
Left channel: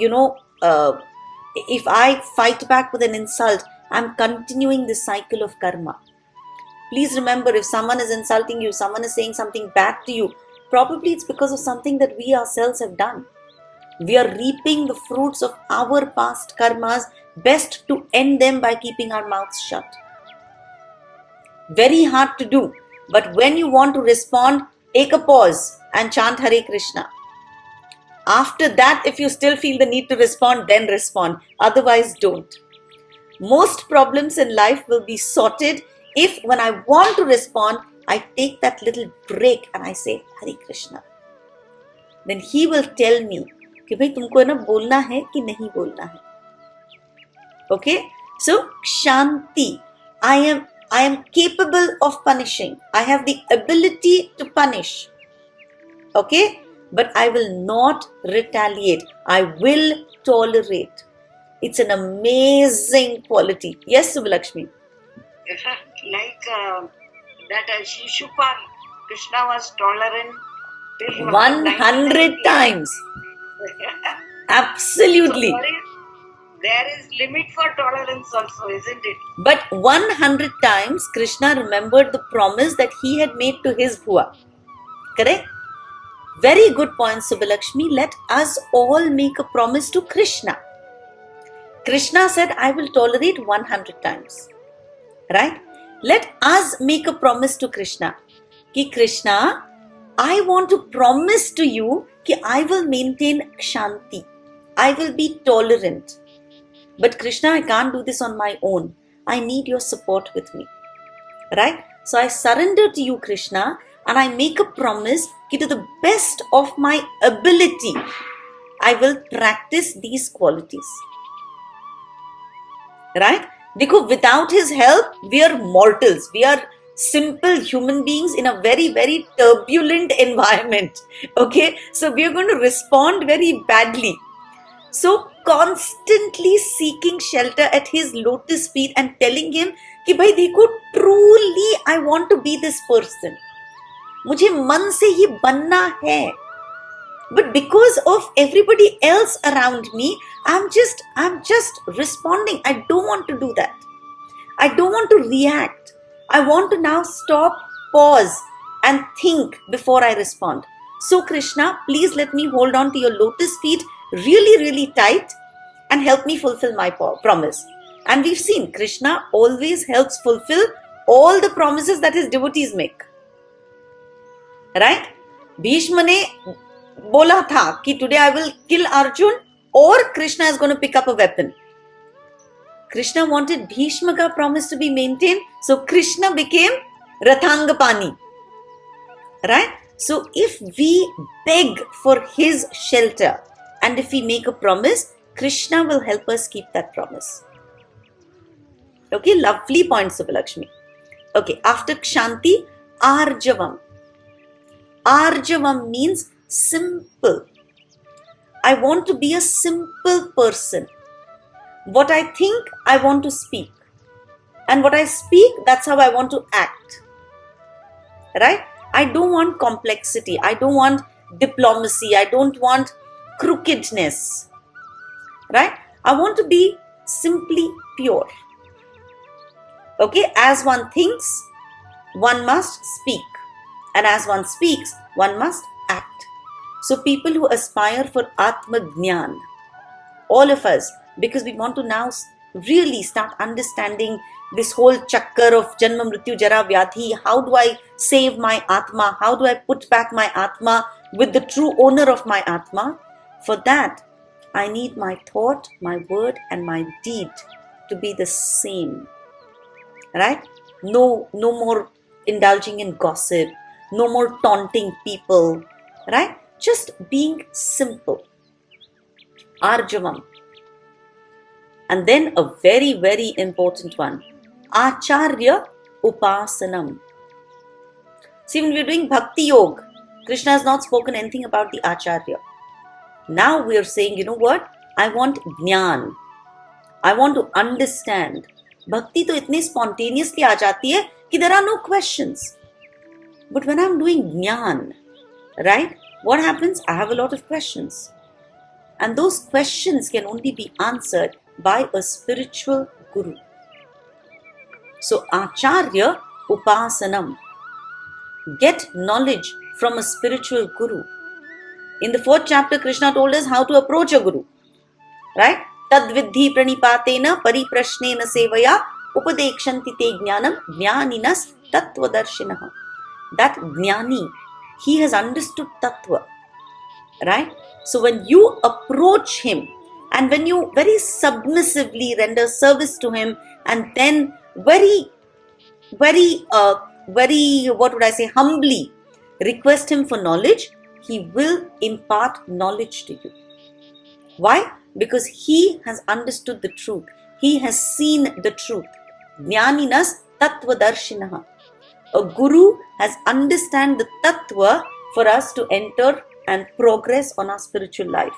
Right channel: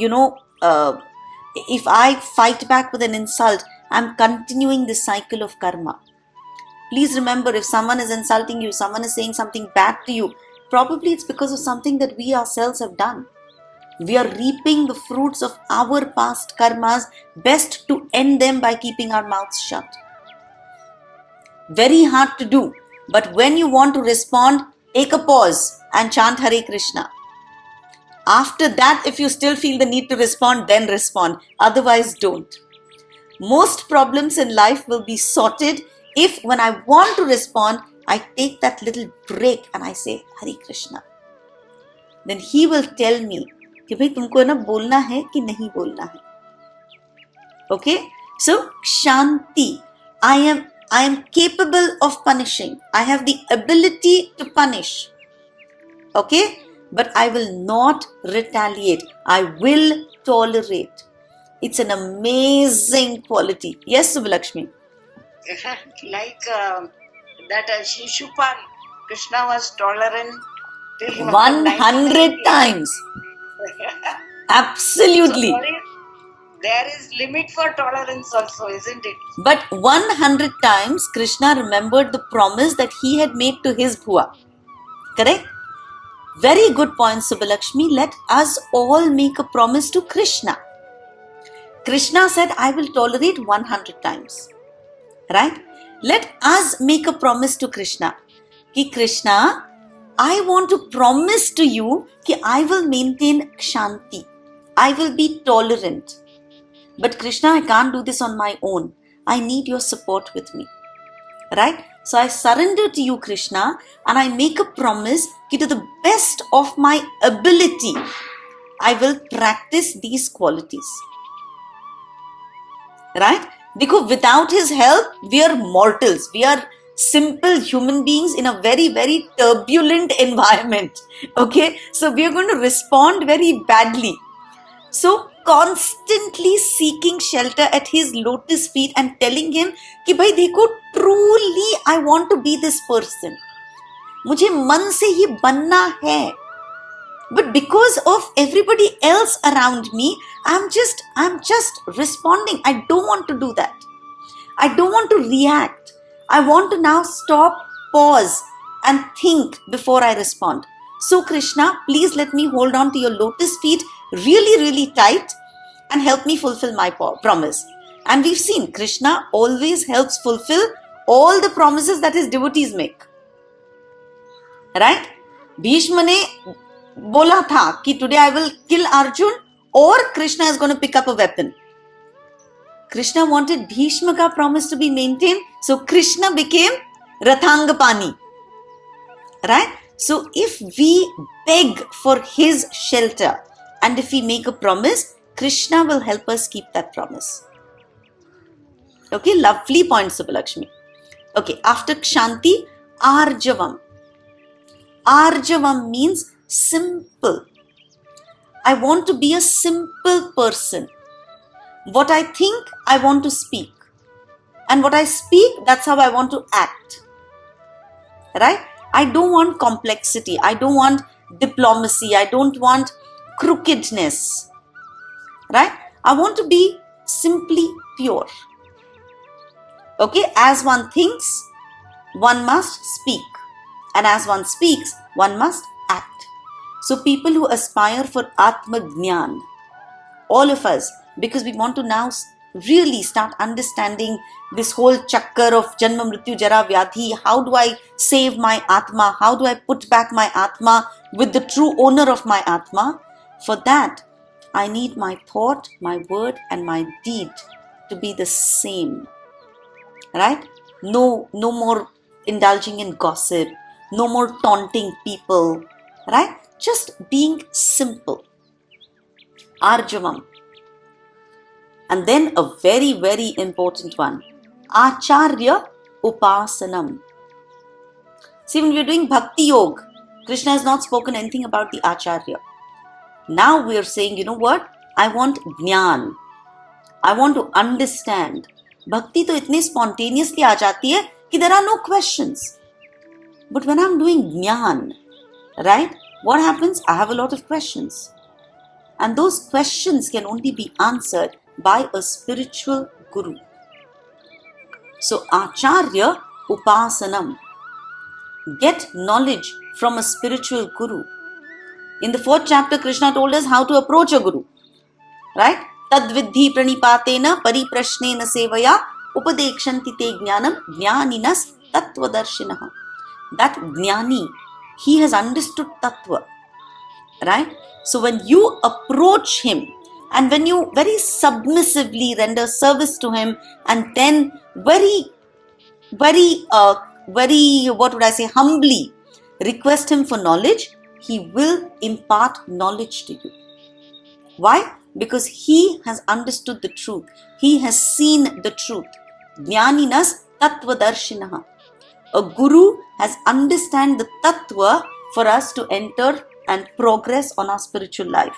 if I fight back with an insult, I'm continuing the cycle of karma. Please remember, if someone is insulting you, someone is saying something bad to you, probably it's because of something that we ourselves have done. We are reaping the fruits of our past karmas. Best to end them by keeping our mouths shut. Very hard to do, but when you want to respond, take a pause and chant Hare Krishna. After that, if you still feel the need to respond, then respond. Otherwise, don't. Most problems in life will be sorted if, when I want to respond, I take that little break and I say Hare Krishna. Then He will tell me कि भाई तुमको ना बोलना है कि नहीं बोलना है. Okay? So, Shanti. I am capable of punishing. I have the ability to punish. Okay? But I will not retaliate. I will tolerate. It's an amazing quality. Yes, Subbalakshmi? Like that Shishupal, Krishna was tolerant till he was 100 times. Absolutely. So there is limit for tolerance also, isn't it? But 100 times Krishna remembered the promise that he had made to his Bhua. Correct? Very good point, Subbalakshmi. Let us all make a promise to Krishna. Krishna said, I will tolerate 100 times. Right? Let us make a promise to Krishna. Ki Krishna, I want to promise to you that I will maintain Shanti. I will be tolerant. But Krishna, I can't do this on my own. I need your support with me. Right? So I surrender to you, Krishna, and I make a promise that to the best of my ability, I will practice these qualities. Right? Because without His help, we are mortals. We are simple human beings in a very, very turbulent environment. Okay? So we are going to respond very badly. So constantly seeking shelter at His lotus feet and telling Him कि भाई देखो, truly I want to be this person. मुझे मन से ही बनना है. But because of everybody else around me, I'm just responding. I don't want to do that. I don't want to react. I want to now stop, pause, and think before I respond. So Krishna, please let me hold on to your lotus feet really, really tight and help me fulfill my promise. And we've seen Krishna always helps fulfill all the promises that his devotees make. Right? Bhishma ne bola tha ki today I will kill Arjun or Krishna is going to pick up a weapon. Krishna wanted Bhishma ka promise to be maintained, so Krishna became Rathangapani. Right? So if we beg for his shelter and if we make a promise, Krishna will help us keep that promise. Okay, lovely point, Subbalakshmi. Okay, after Kshanti, Arjavam. Arjavam means simple. I want to be a simple person. What I think, I want to speak. And what I speak, that's how I want to act. Right? I don't want complexity. I don't want diplomacy. I don't want crookedness. Right? I want to be simply pure. Okay? As one thinks, one must speak. And as one speaks, one must act. So people who aspire for Atma Jnana, all of us, because we want to now really start understanding this whole chakkar of Janma Mrityu Jara Vyadhi. How do I save my Atma? How do I put back my Atma with the true owner of my Atma? For that, I need my thought, my word and my deed to be the same. Right? No more indulging in gossip. No more taunting people. Right? Just being simple. Arjavam. And then a very, very important one. Acharya Upasanam. See, when we're doing Bhakti Yoga, Krishna has not spoken anything about the Acharya. Now we are saying, you know what? I want Jnana. I want to understand. Bhakti to itne spontaneously aa jati hai ki there are no questions. But when I'm doing Jnana, right? What happens? I have a lot of questions. And those questions can only be answered by a spiritual guru. So, Acharya Upasanam. Get knowledge from a spiritual guru. In the 4th chapter, Krishna told us how to approach a guru. Right? Tadvidhi pranipatena pariprashnena sevaya upadekshanti te jnanam jnaninas tattvadarshinaha. That jnani, he has understood tattva. Right? So when you approach him and when you very submissively render service to him and then very, humbly request him for knowledge, he will impart knowledge to you. Why? Because he has understood the truth. He has seen the truth. Jnaninas tattvadarshinaha. A guru has understand the tattva for us to enter and progress on our spiritual life.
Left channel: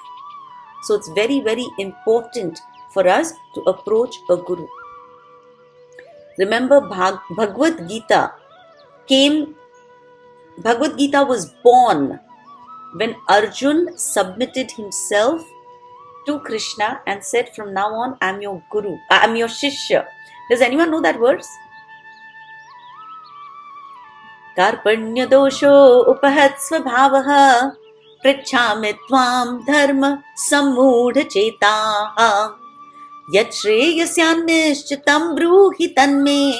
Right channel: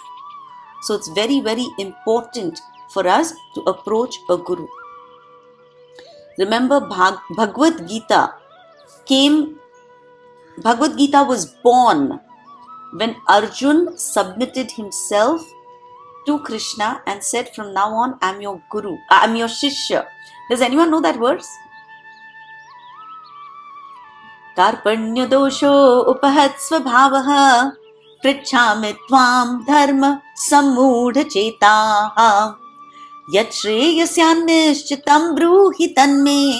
So it's very, very important for us to approach a guru. Remember, Bhagavad Gita was born when Arjun submitted himself to Krishna and said, from now on, I'm your guru, I'm your shishya. Does anyone know that verse? Karpanya dosho upahat svabhavaha Prichhami tvam dharma sammudha chetaha Yat shreyasya nishchitam bruhi tanme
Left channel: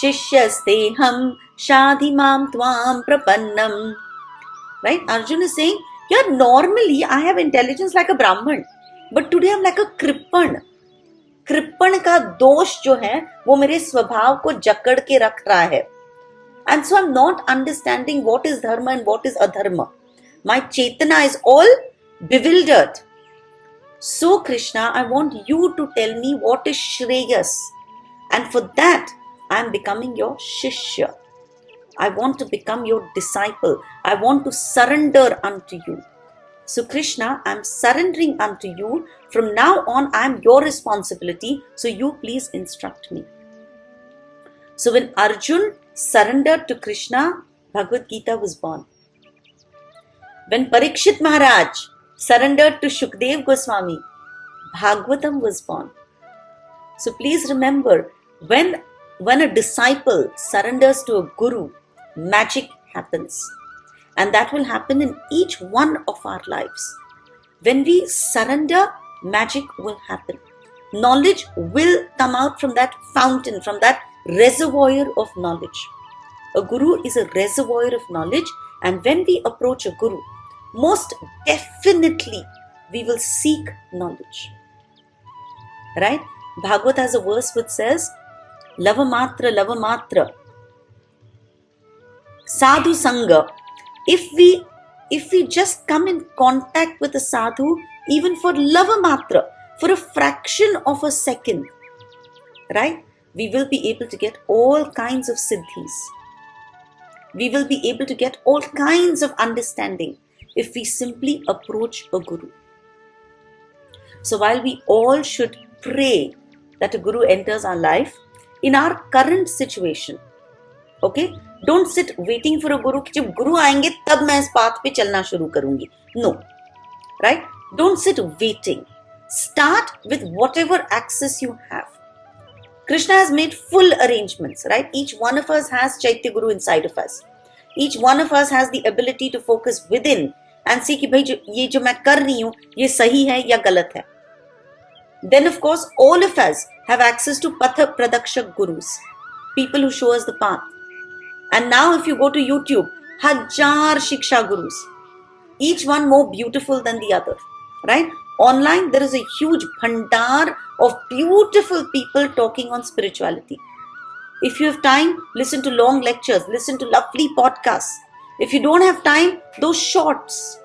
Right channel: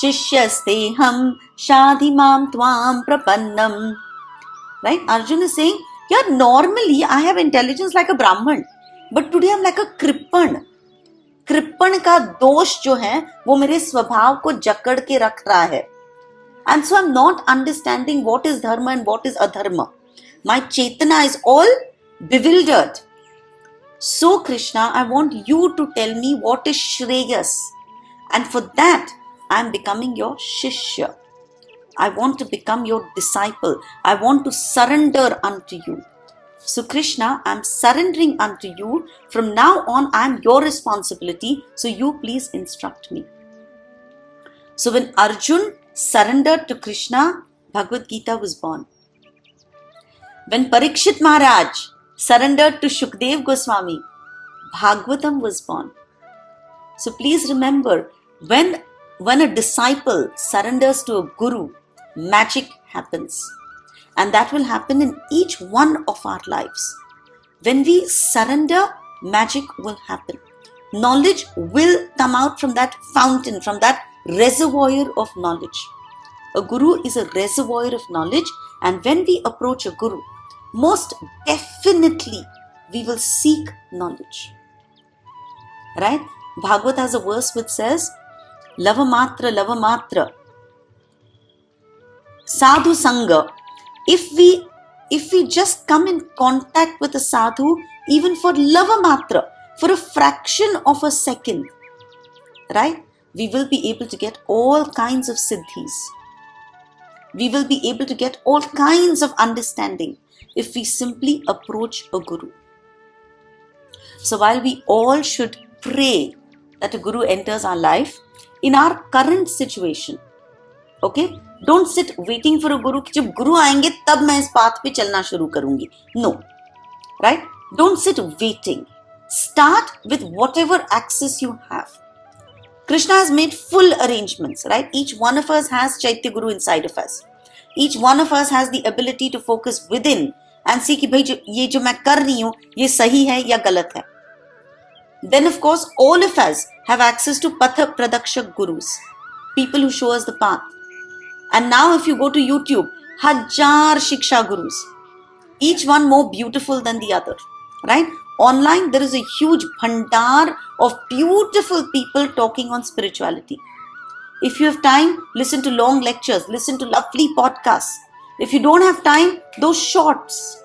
Shishyasteham shadhimam tvam prapannam. Right? Arjuna is saying, yeah, normally I have intelligence like a Brahman, but today I'm like a Kripan. Kripan का दोष जो है वो मेरे स्वभाव को जकड़ के रख रहा है. And so I'm not understanding what is dharma and what is adharma. My chetana is all bewildered. So Krishna, I want you to tell me what is Shreyas. And for that, I'm becoming your shishya. I want to become your disciple. I want to surrender unto you. So Krishna, I'm surrendering unto you. From now on, I'm your responsibility. So you please instruct me. So when Arjun surrendered to Krishna, Bhagavad Gita was born. When Parikshit Maharaj surrendered to Shukdev Goswami, Bhagavatam was born. So please remember, when a disciple surrenders to a guru, magic happens. And that will happen in each one of our lives. When we surrender, magic will happen. Knowledge will come out from that fountain, from that reservoir of knowledge. A guru is a reservoir of knowledge, and when we approach a guru, most definitely we will seek knowledge. Right? Bhagavad has a verse which says, Lavamatra, Sadhu Sangha. If we just come in contact with a sadhu, even for Lavamatra, for a fraction of a second, right? we will be able to get all kinds of siddhis. We will be able to get all kinds of understanding if we simply approach a guru. So while we all should pray that a guru enters our life, in our current situation, okay, don't sit waiting for a guru कि जब गुरु आएंगे तब मैं इस path पे चलना शुरू करूंगी. No, right? Don't sit waiting. Start with whatever access you have. Krishna has made full arrangements, right? Each one of us has Chaitya Guru inside of us. Each one of us has the ability to focus within and see कि भाई ये जो मैं कर रही हूँ ये सही है या गलत है. Then of course all of us have access to Patha Pradakshak Gurus, people who show us the path. And now if you go to YouTube, Hajar Shiksha Gurus, each one more beautiful than the other, right? Online there is a huge bhandar of beautiful people talking on spirituality. If you have time, listen to long lectures, listen to lovely podcasts. If you don't have time, those shorts,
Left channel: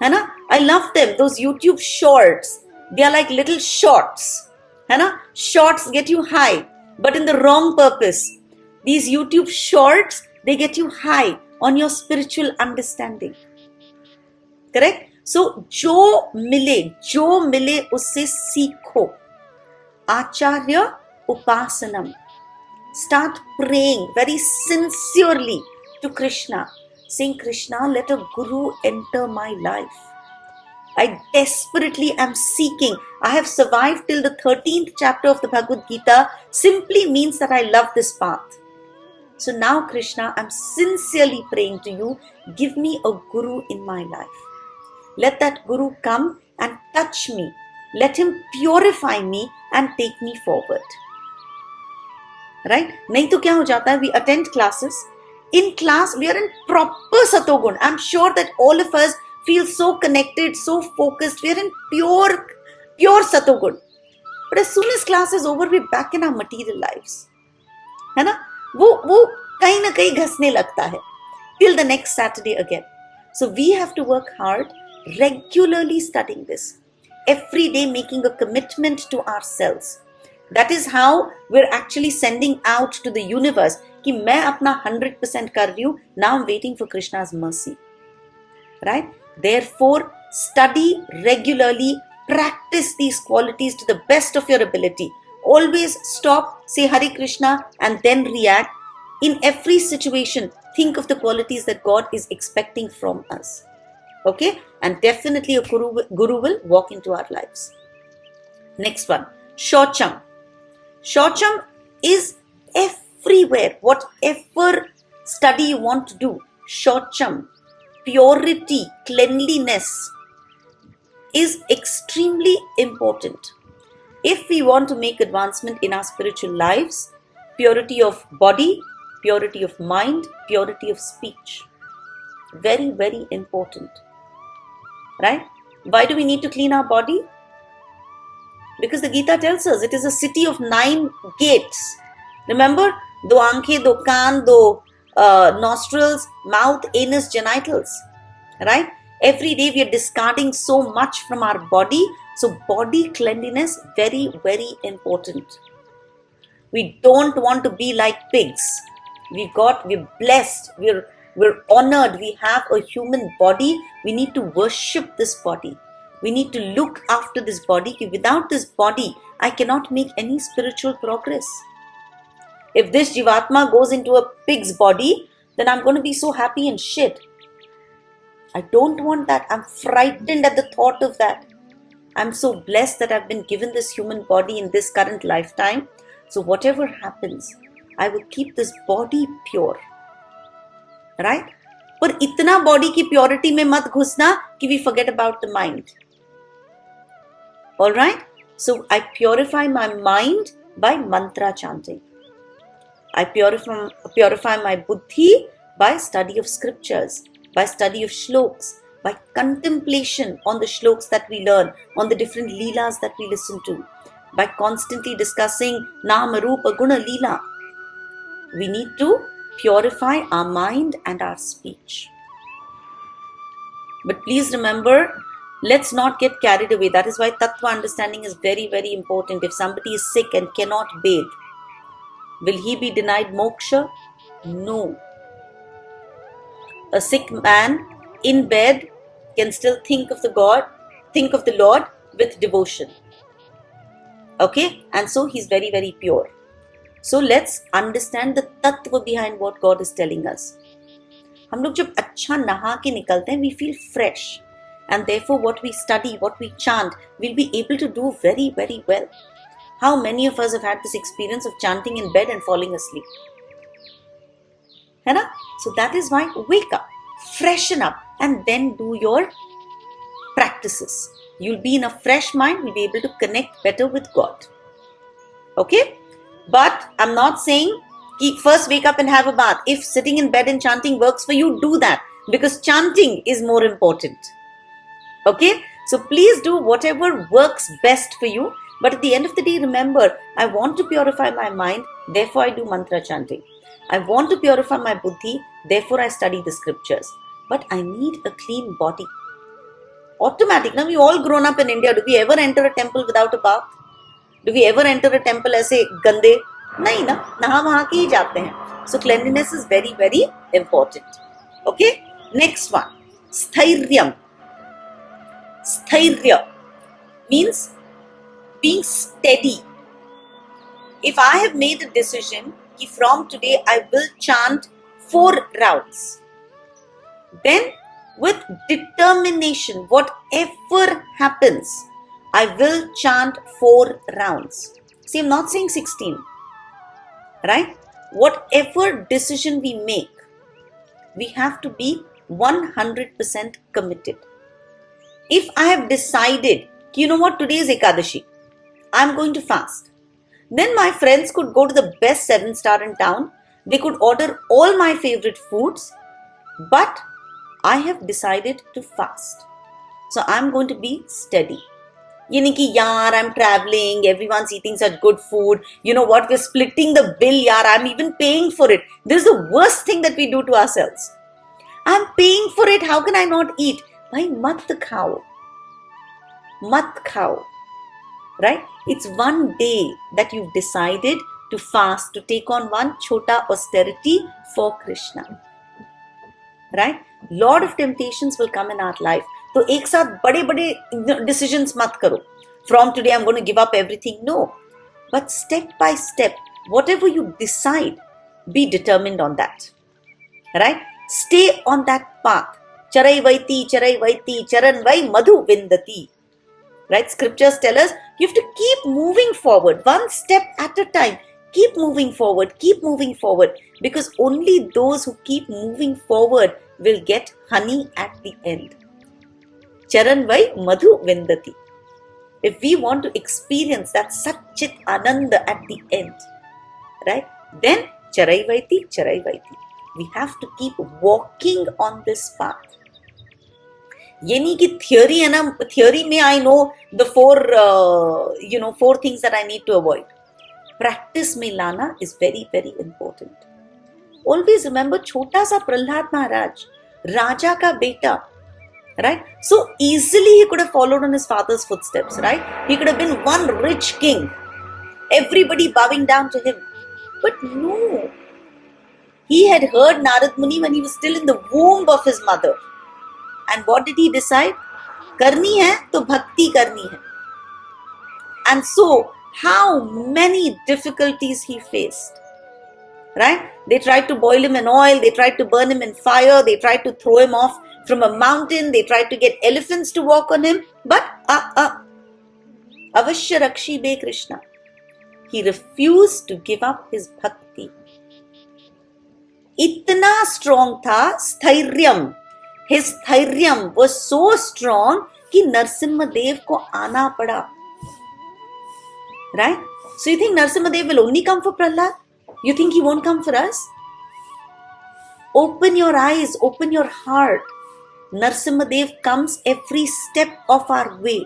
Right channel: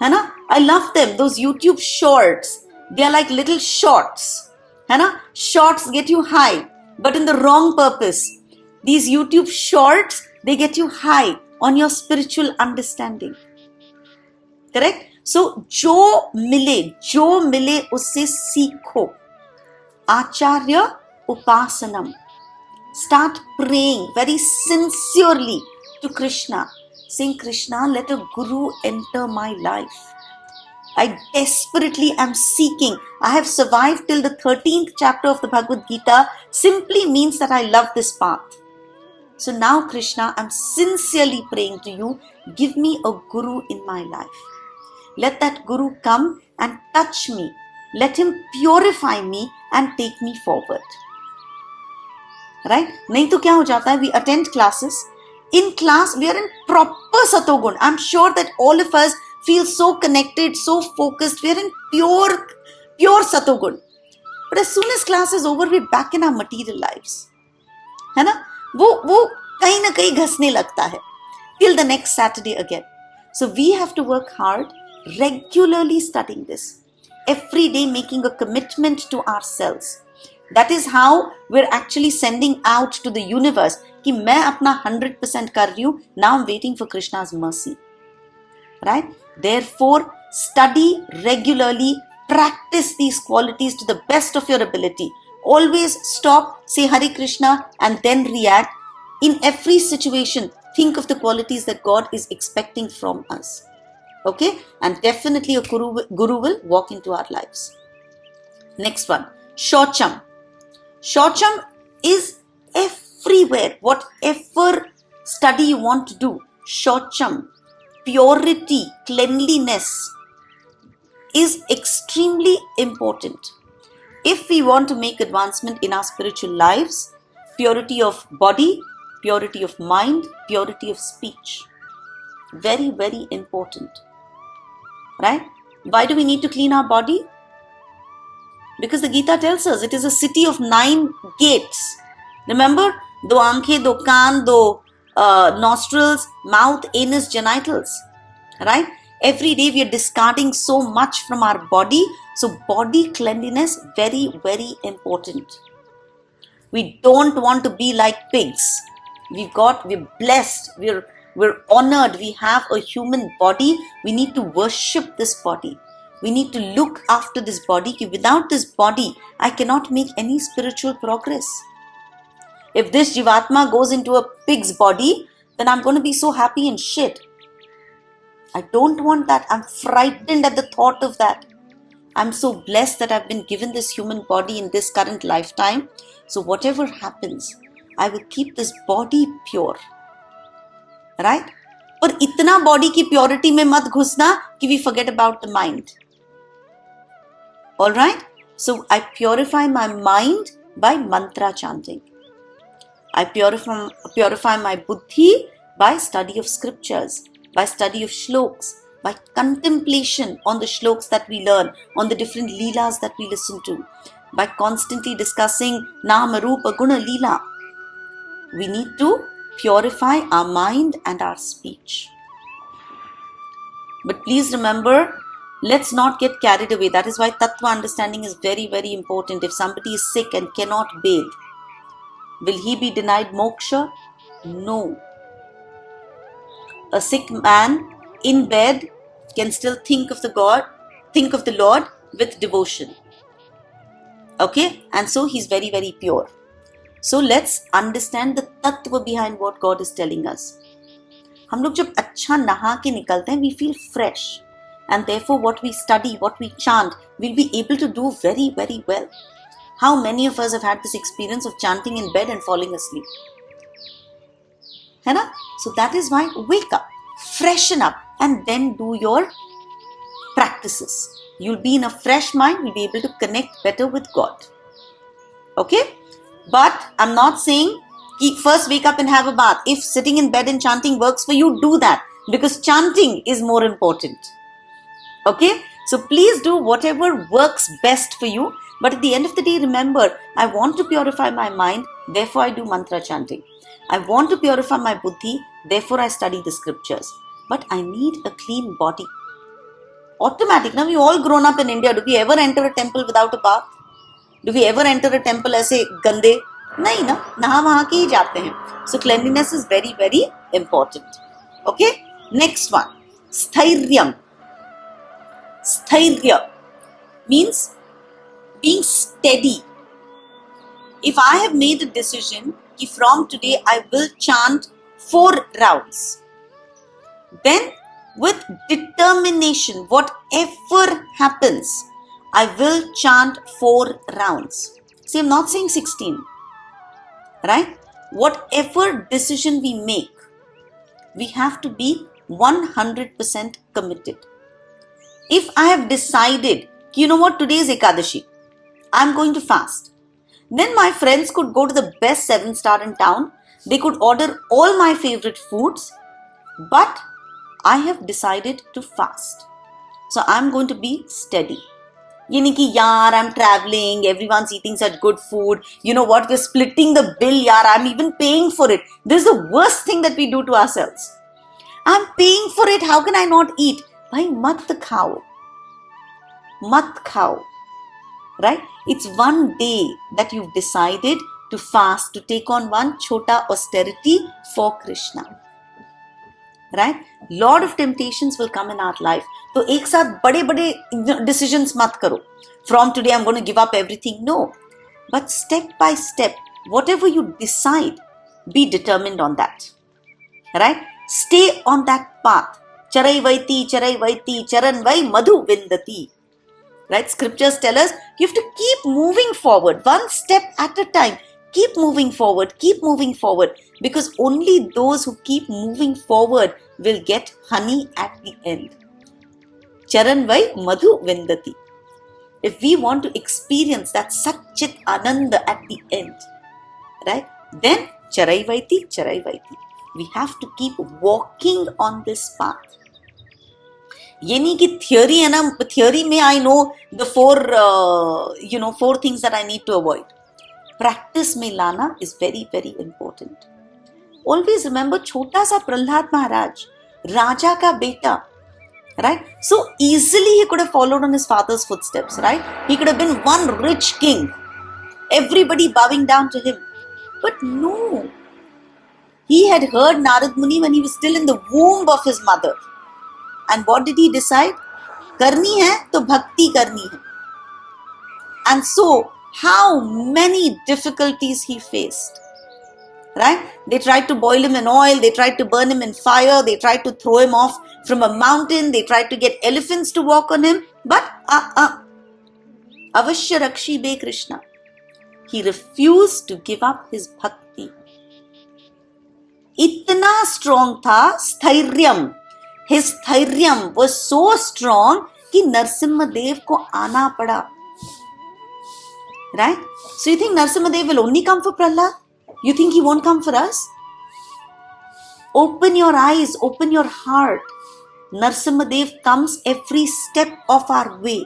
है ना? I love them, those YouTube shorts. They are like little shorts, है ना? Shorts get you high, but in the wrong purpose. These YouTube shorts, they get you high on your spiritual understanding. Correct? So, जो मिले उससे सीखो. Acharya Upasanam. Start praying very sincerely to Krishna, saying, Krishna, let a guru enter my life. I desperately am seeking. I have survived till the 13th chapter of the Bhagavad Gita simply means that I love this path. So now, Krishna, I'm sincerely praying to you, give me a guru in my life. Let that guru come and touch me. Let him purify me and take me forward. Right? नहीं तो क्या हो जाता है? We attend classes. In class, we are in proper Satogun. I'm sure that all of us feel so connected, so focused. We are in pure Satogun. But as soon as class is over, we're back in our material lives. है ना? वो कहीं ना कहीं घसने लगता है. Till the next Saturday again. So we have to work hard, regularly studying this. Every day making a commitment to ourselves. That is how we're actually sending out to the universe कि मैं अपना 100% कर रही हूँ. Now I'm waiting for Krishna's mercy. Right? Therefore, study regularly, practice these qualities to the best of your ability. Always stop, say Hare Krishna and then react. In every situation, think of the qualities that God is expecting from us. Okay? And definitely a guru will walk into our lives. Next one, Shocham. Shocham is everywhere. Whatever study you want to do, Shocham, purity, cleanliness is extremely important. If we want to make advancement in our spiritual lives, purity of body, purity of mind, purity of speech. Very, very important. Right? Why do we need to clean our body? Because the Gita tells us it is a city of 9 gates. Remember? Do aankhe, do kaan, do nostrils, mouth, anus, genitals. Right? Every day we are discarding so much from our body. So body cleanliness, very, very important. We don't want to be like pigs. We're blessed. We're honored. We have a human body. We need to worship this body. We need to look after this body. Without this body, I cannot make any spiritual progress. If this Jivatma goes into a pig's body, then I'm going to be so happy and shit. I don't want that. I'm frightened at the thought of that. I'm so blessed that I've been given this human body in this current lifetime. So whatever happens, I will keep this body pure. Right? पर इतना body की purity में मत घुसना कि we forget about the mind. Alright? So I purify my mind by mantra chanting. I purify my buddhi by study of scriptures, by study of shloks, by contemplation on the shloks that we learn, on the different leelas that we listen to, by constantly discussing Nama, Rupa, Guna, Leela. We need to purify our mind and our speech. But please remember, Let's not get carried away. That is why tattva understanding is very, very important. If somebody is sick and cannot bathe, will he be denied moksha? No. A sick man in bed can still think of the Lord with devotion. Okay? And so he's very, very pure. So let's understand the tattva behind what God is telling us. हम लोग जब अच्छा नहा के निकलते हैं, we feel fresh. And therefore what we study, what we chant, we'll be able to do very, very well. How many of us have had this experience of chanting in bed and falling asleep? है ना? So that is why wake up, freshen up, and then do your practices. You'll be in a fresh mind, you'll be able to connect better with God. Okay? But I'm not saying first wake up and have a bath. If sitting in bed and chanting works for you, do that. Because chanting is more important. Okay? So please do whatever works best for you. But at the end of the day, remember, I want to purify my mind, therefore I do mantra chanting. I want to purify my buddhi, therefore I study the scriptures. But I need a clean body. Automatic. Now, we all grown up in India. Do we ever enter a temple without a bath? Do we ever enter a temple ऐसे गंदे? नहीं ना, नहा वहा के ही जाते हैं. So cleanliness is very, very important. Okay? Next one. Sthairyam. Sthairya means being steady. If I have made a decision that from today I will chant 4 rounds, then with determination, whatever happens, I will chant 4 rounds. See, I'm not saying 16. Right? Whatever decision we make, we have to be 100% committed. If I have decided, you know what, today is Ekadashi, I'm going to fast. Then my friends could go to the best 7-star in town. They could order all my favorite foods. But I have decided to fast. So I'm going to be steady. ये नहीं कि यार I'm traveling, everyone's eating such good food. You know what, we're splitting the bill, yaar, I'm even paying for it. This is the worst thing that we do to ourselves. I'm paying for it, how can I not eat? Bhai, mat khao. Mat khao. Right? It's one day that you've decided to fast, to take on one chota austerity for Krishna. Right? Lot of temptations will come in our life. तो एक साथ बड़े बड़े decisions मत करो. From today I'm going to give up everything. No. But step by step, whatever you decide, be determined on that. Right? Stay on that path. Charai vaiti, charan vai madhu vindati. Right? Scriptures tell us you have to keep moving forward, one step at a time. Keep moving forward, because only those who keep moving forward will get honey at the end. Charan vai madhu vindati. If we want to experience that Satchit Ananda at the end, right? Then charai vaiti. We have to keep walking on this path. ये नहीं कि theory है ना, theory में I know the 4 things that I need to avoid. Practice में लाना is very, very important. Always remember, छोटा सा प्रहलाद महाराज, राजा का बेटा, right? So easily he could have followed on his father's footsteps, right? He could have been one rich king, everybody bowing down to him. But no, he had heard Narad Muni when he was still in the womb of his mother. And what did he decide? Karni hai to bhakti karni hai. And so, how many difficulties he faced. Right? They tried to boil him in oil, they tried to burn him in fire, they tried to throw him off from a mountain, they tried to get elephants to walk on him. But, Avashya Rakshi Be Krishna. He refused to give up his bhakti. Itna strong tha sthairyam. His thairyam was so strong कि नरसिम्हा देव को आना पड़ा. Right? So you think Narasimha Dev will only come for Prahlad? You think he won't come for us? Open your eyes, open your heart. Narasimha Dev comes every step of our way.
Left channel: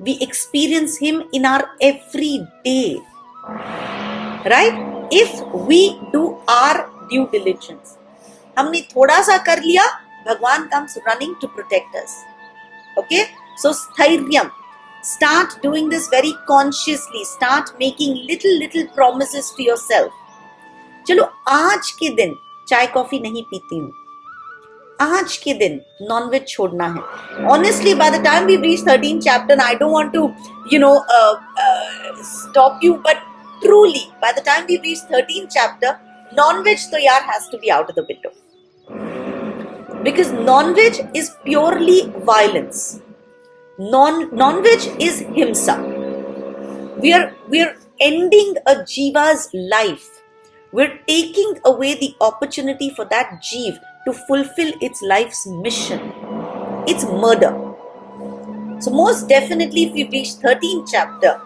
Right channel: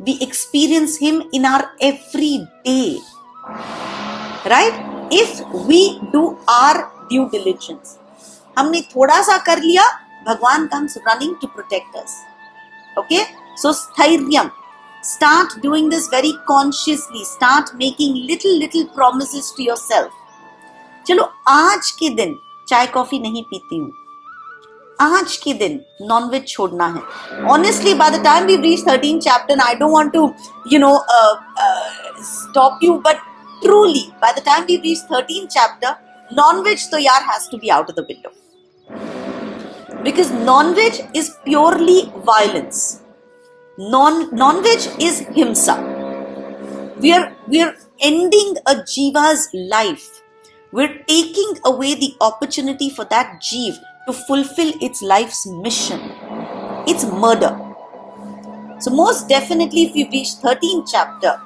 We experience him in our every day. Right? If we do our due diligence. हमने थोड़ा सा कर लिया, Bhagwan comes running to protect us. Okay? So Sthairyam. Start doing this very consciously. Start making little promises to yourself. चलो आज के दिन चाय कॉफी नहीं पीती हूँ. आज के दिन non-veg छोड़ना है. Honestly, by the time we reach 13th chapter, and I don't want to, stop you, but truly, by the time we reach 13th chapter, non-veg to yaar has to be out of the window. Because non-veg is purely violence. Non-veg is himsa. We are ending a jiva's life. We're taking away the opportunity for that jeev to fulfill its life's mission. It's murder. So most definitely, if you reach 13th chapter,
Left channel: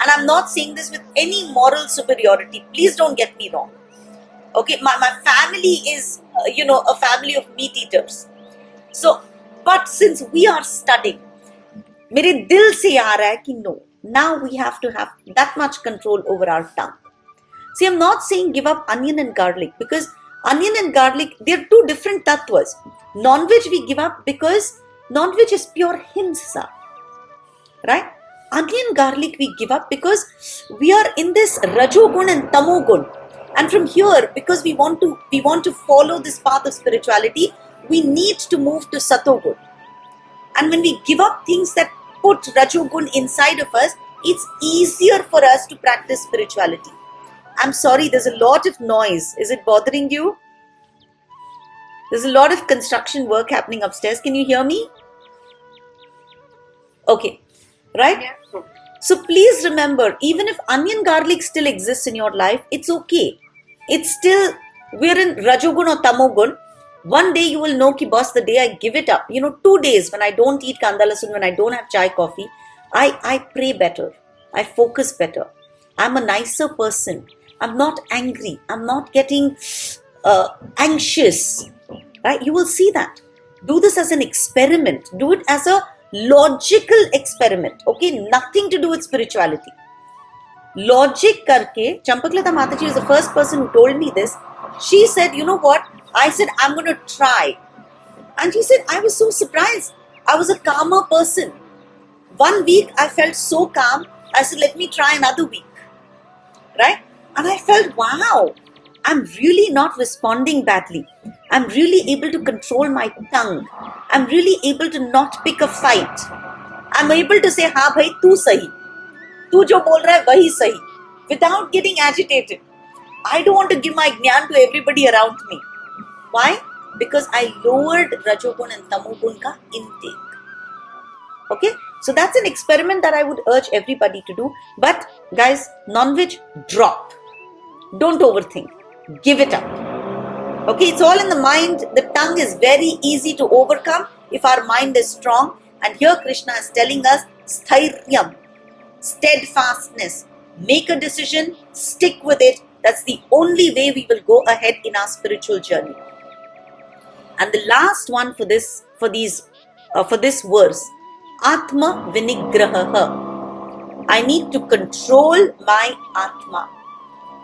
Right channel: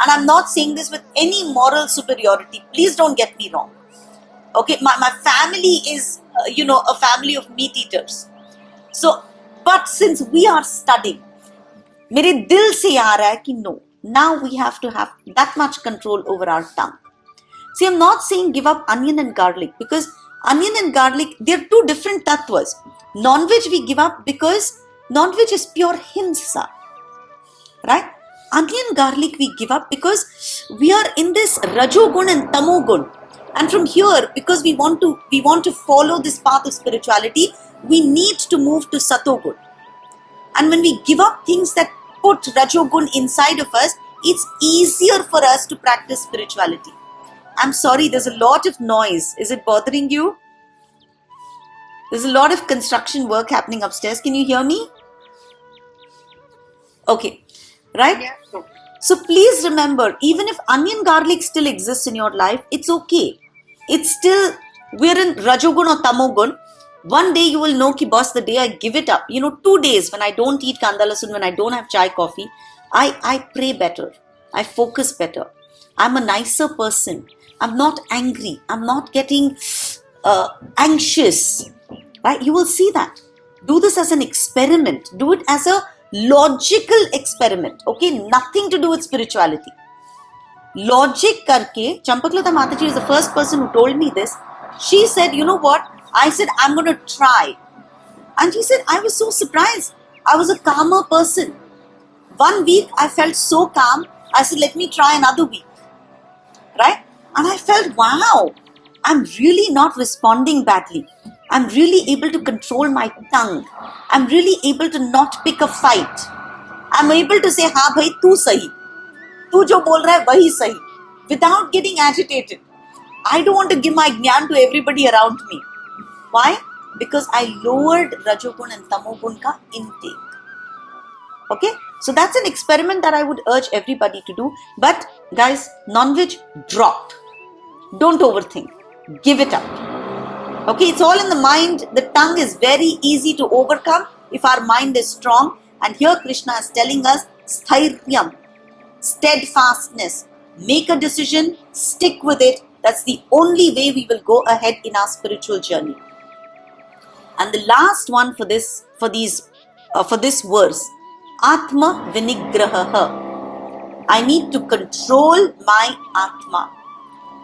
and I'm not saying this with any moral superiority, please don't get me wrong. Okay, my family is, a family of meat eaters. So, but since we are studying, मेरे दिल से आ रहा है कि no, now we have to have that much control over our tongue. See, I'm not saying give up onion and garlic, because onion and garlic, they're two different tattvas. Non-veg we give up because non-veg is pure himsa, right? Onion garlic we give up because we are in this rajogun and tamogun, and from here, because we want to follow this path of spirituality, we need to move to satogun. And when we give up things that put rajogun inside of us, it's easier for us to practice spirituality. I'm sorry, there's a lot of noise. Is it bothering you? There's a lot of construction work happening upstairs. Can you hear me? Okay, right? Yeah. So please remember, even if onion garlic still exists in your life, it's okay. It's still, we're in rajogun or tamogun. One day you will know ki boss, the day I give it up, 2 days when I don't eat kanda lasun, when I don't have chai coffee, I pray better. I focus better. I'm a nicer person. I'm not angry. I'm not getting anxious. Right? You will see that. Do this as an experiment. Do it as a logical experiment. Okay? Nothing to do with spirituality. Logic karke, Champaklata Mataji is the first person who told me this. She said, you know what? I said, I'm going to try. And she said, I was so surprised. I was a calmer person. 1 week, I felt so calm. I said, let me try another week. Right? And I felt, wow, I'm really not responding badly. I'm really able to control my tongue. I'm really able to not pick a fight. I'm able to say, हाँ भाई, तू सही. तू जो बोल रहा है वही सही. Without getting agitated. I don't want to give my jnana to everybody around me. Why? Because I lowered rajogun and tamogun ka intake. Okay? So that's an experiment that I would urge everybody to do. But guys, non-veg, drop. Don't overthink. Give it up. Okay? It's all in the mind. The tongue is very easy to overcome if our mind is strong. And here Krishna is telling us, sthairyam, steadfastness. Make a decision, stick with it. That's the only way we will go ahead in our spiritual journey. And the last one for this verse, Atma Vinigraha. I need to control my Atma.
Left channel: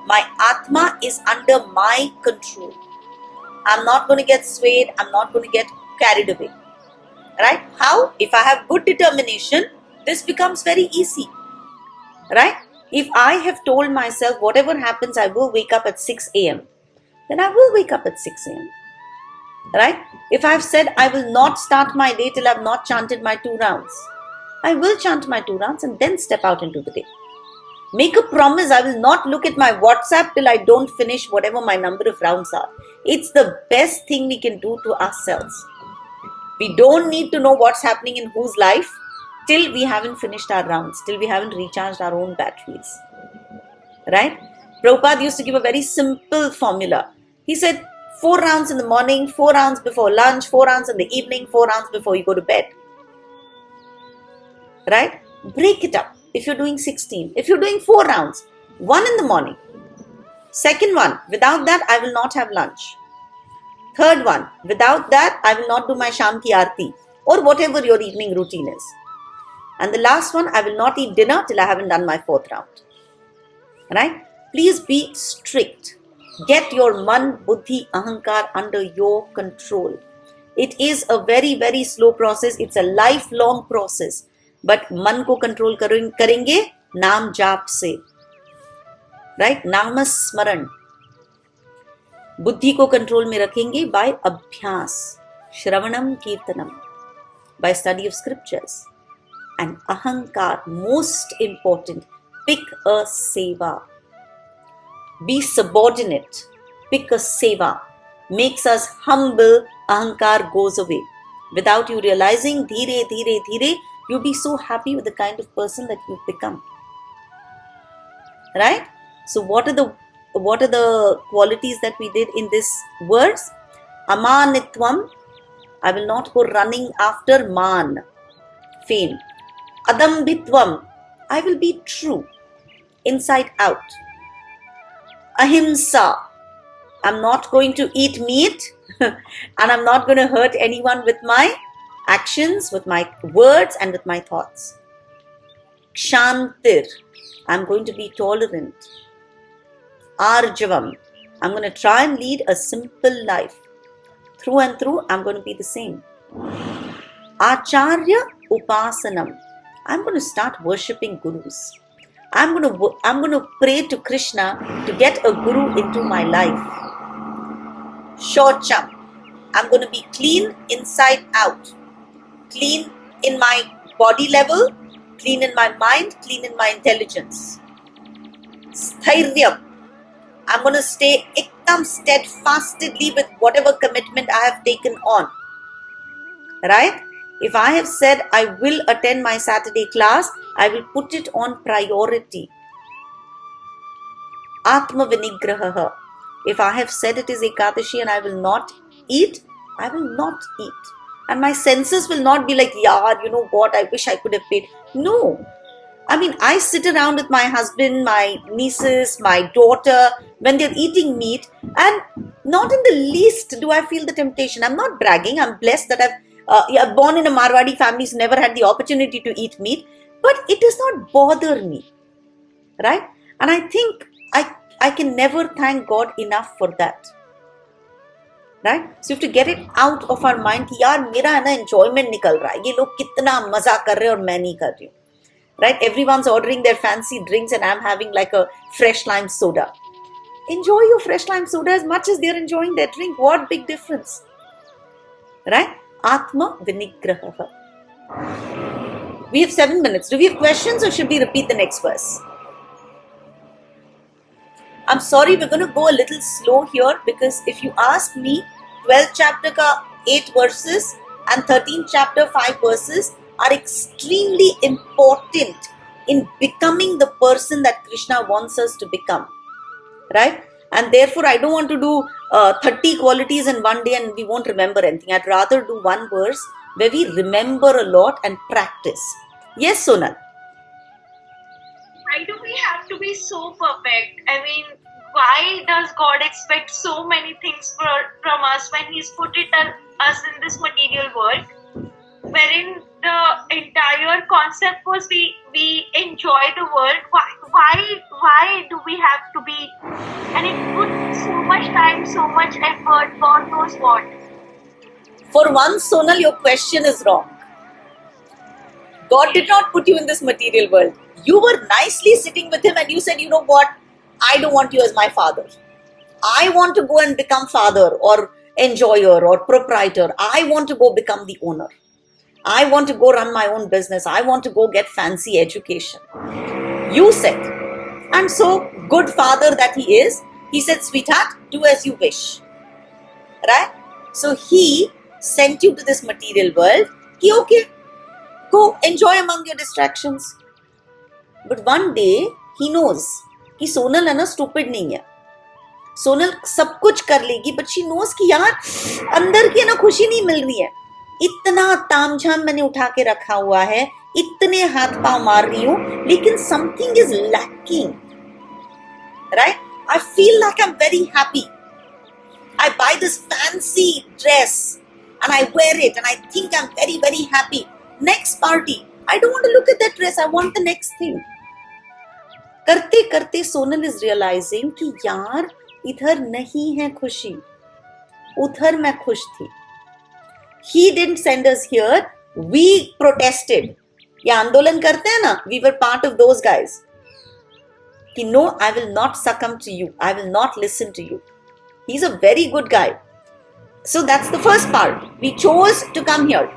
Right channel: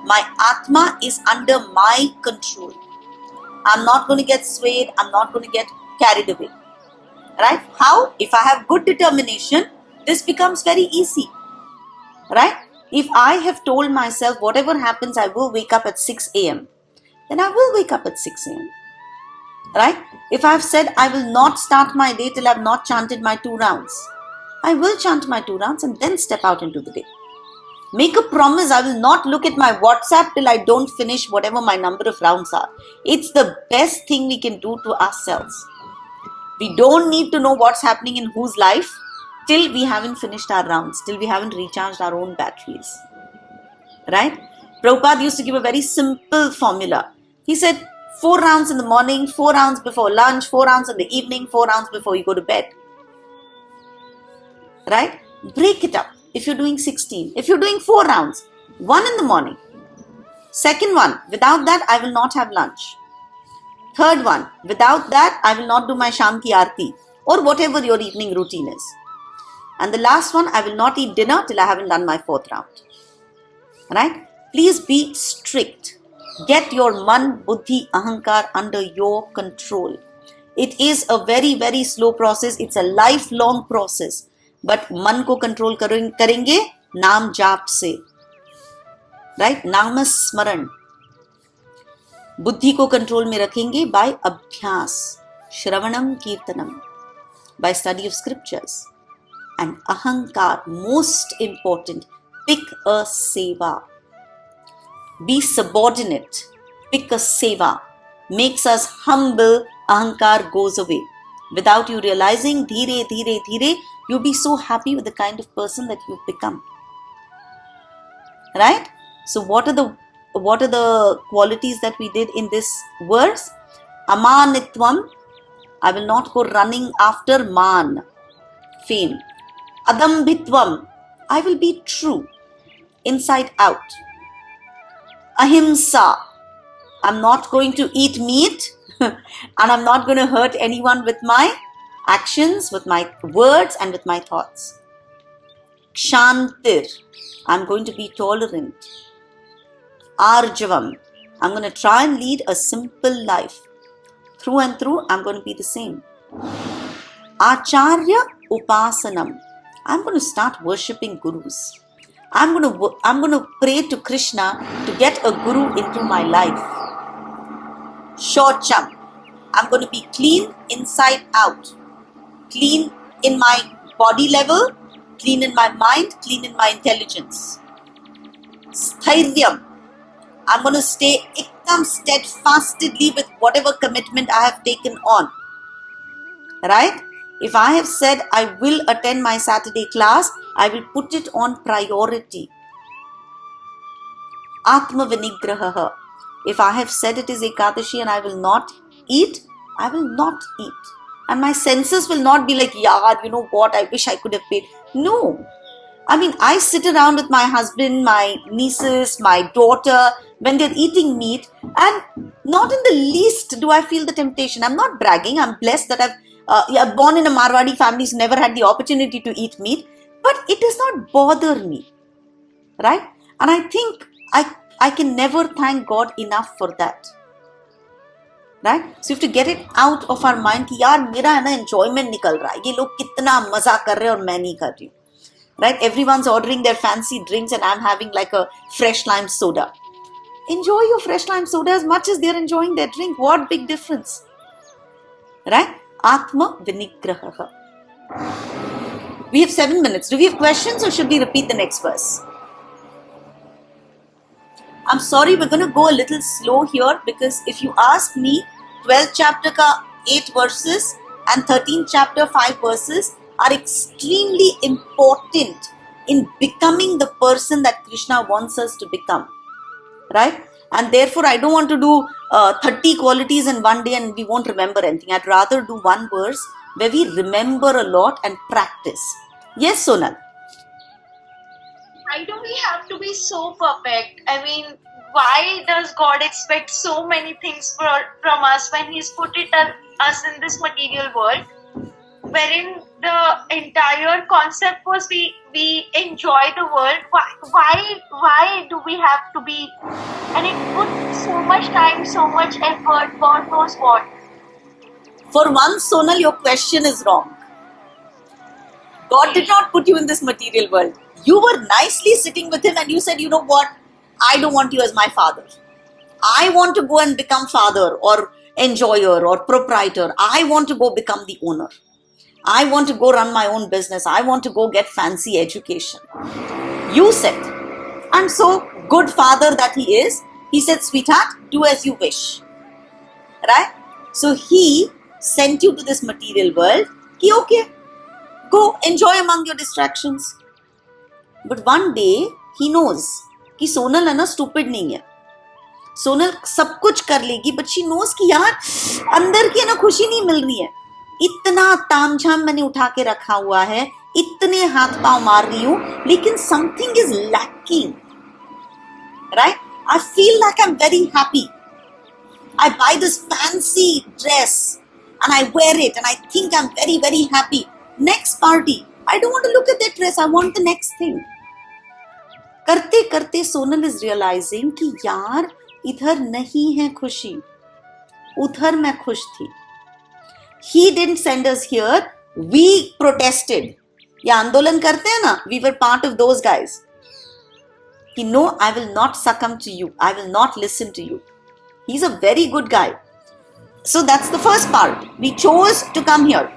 My Atma is under my control. I'm not going to get swayed. I'm not going to get carried away. Right? How? If I have good determination, this becomes very easy. Right? If I have told myself whatever happens, I will wake up at 6 a.m., then I will wake up at 6 a.m. Right? If I have said I will not start my day till I have not chanted my 2 rounds, I will chant my 2 rounds and then step out into the day. Make a promise, I will not look at my WhatsApp till I don't finish whatever my number of rounds are. It's the best thing we can do to ourselves. We don't need to know what's happening in whose life till we haven't finished our rounds, till we haven't recharged our own batteries. Right? Prabhupada used to give a very simple formula. He said 4 rounds in the morning, 4 rounds before lunch, 4 rounds in the evening, 4 rounds before you go to bed. Right? Break it up. If you're doing 16, if you're doing 4 rounds, 1 in the morning. Second one, without that, I will not have lunch. Third one, without that, I will not do my Sham ki Aarti or whatever your evening routine is. And the last one, I will not eat dinner till I haven't done my 4th round. Right? Please be strict. Get your man, buddhi, ahankar under your control. It is a very very slow process. It's a lifelong process. But मन को control करेंगे नाम जाप से, right? नाम स्मरण. बुद्धि को कंट्रोल में रखेंगे बाय अभ्यास, श्रवणम कीर्तनम, by study of scriptures. And ahankar, most important, pick a seva. Be subordinate. Pick a seva. Makes us humble. Ahankar goes away. Without you realizing, dheere, dheere, dheere, you'll be so happy with the kind of person that you've become. Right? So what are the qualities that we did in this verse? Amanitvam. I will not go running after man, fame. Adambhitvam, I will be true, inside out. Ahimsa, I'm not going to eat meat and I'm not going to hurt anyone with my actions, with my words and with my thoughts. Kshantir, I'm going to be tolerant. Arjavam, I'm going to try and lead a simple life. Through and through, I'm going to be the same. Acharya Upasanam, I'm going to start worshipping gurus. I'm going to pray to Krishna to get a guru into my life. Shocham, I'm going to be clean inside out. Clean in my body level, clean in my mind, clean in my intelligence. Sthairyam, I'm going to stay ekdam steadfastly with whatever commitment I have taken on. Right? If I have said I will attend my Saturday class, I will put it on priority. Atma Vinigraha. If I have said it is Ekadashi and I will not eat, I will not eat. And my senses will not be like, yeah, you know what, I wish I could have paid. No. I mean, I sit around with my husband, my nieces, my daughter, when they're eating meat, and not in the least do I feel the temptation. I'm not bragging. I'm blessed that I've born in a Marwadi family, so never had the opportunity to eat meat, but it does not bother me, right? And I think I can never thank God enough for that, right? So you have to get it out of our mind कि यार मेरा है ना enjoyment निकल रहा है, ये लोग कितना मजा कर रहे हैं और मैं नहीं कर रही हूँ, right? Everyone's ordering their fancy drinks and I'm having like a fresh lime soda. Enjoy your fresh lime soda as much as they're enjoying their drink. What big difference, right? Atma Vinigraha. We have 7 minutes. Do we have questions or should we repeat the next verse? I'm sorry, we're going to go a little slow here because if you ask me, 12th chapter ka 8 verses and 13th chapter 5 verses are extremely important in becoming the person that Krishna wants us to become, right? And therefore, I don't want to do 30 qualities in one day and we won't remember anything. I'd rather do one verse where we remember a lot and practice. Yes, Sonal? Why do we have to be so perfect? I mean, why does God expect so many things from us when He's put us in this material world, wherein the entire concept was we enjoy the world? Why do we have to be? And it puts so much time, so much effort, God knows what. For once, Sonal, your question is wrong. God did not put you in this material world. You were nicely sitting with Him and you said, you know what? I don't want you as my father. I want to go and become father or enjoyer or proprietor. I want to go become the owner. I want to go run my own business. I want to go get fancy education. You said. And so, good father that He is, He said, sweetheart, do as you wish. Right? So, He sent you to this material world. Ki okay, go enjoy among your distractions. But one day, He knows कि सोनल है ना stupid नहीं है. सोनल सब कुछ कर लेगी, but she knows कि यार अंदर की ना खुशी नहीं मिल रही है. इतना तामझाम मैंने उठा के रखा हुआ है, इतने हाथ पांव मार रही हूं, लेकिन something is lacking, right? I feel like I am very happy. I buy this fancy dress and I wear it and I think I'm very, very happy. Next party, I don't want to look at that dress. I want the next thing. करते करते Sonal is realising कि यार इधर नहीं है खुशी, उधर मैं खुश थी. He didn't send us here. We protested. ये आंदोलन करते हैं ना, we were part of those guys. He, no, I will not succumb to you. I will not listen to you. He's a very good guy. So that's the first part. We chose to come here.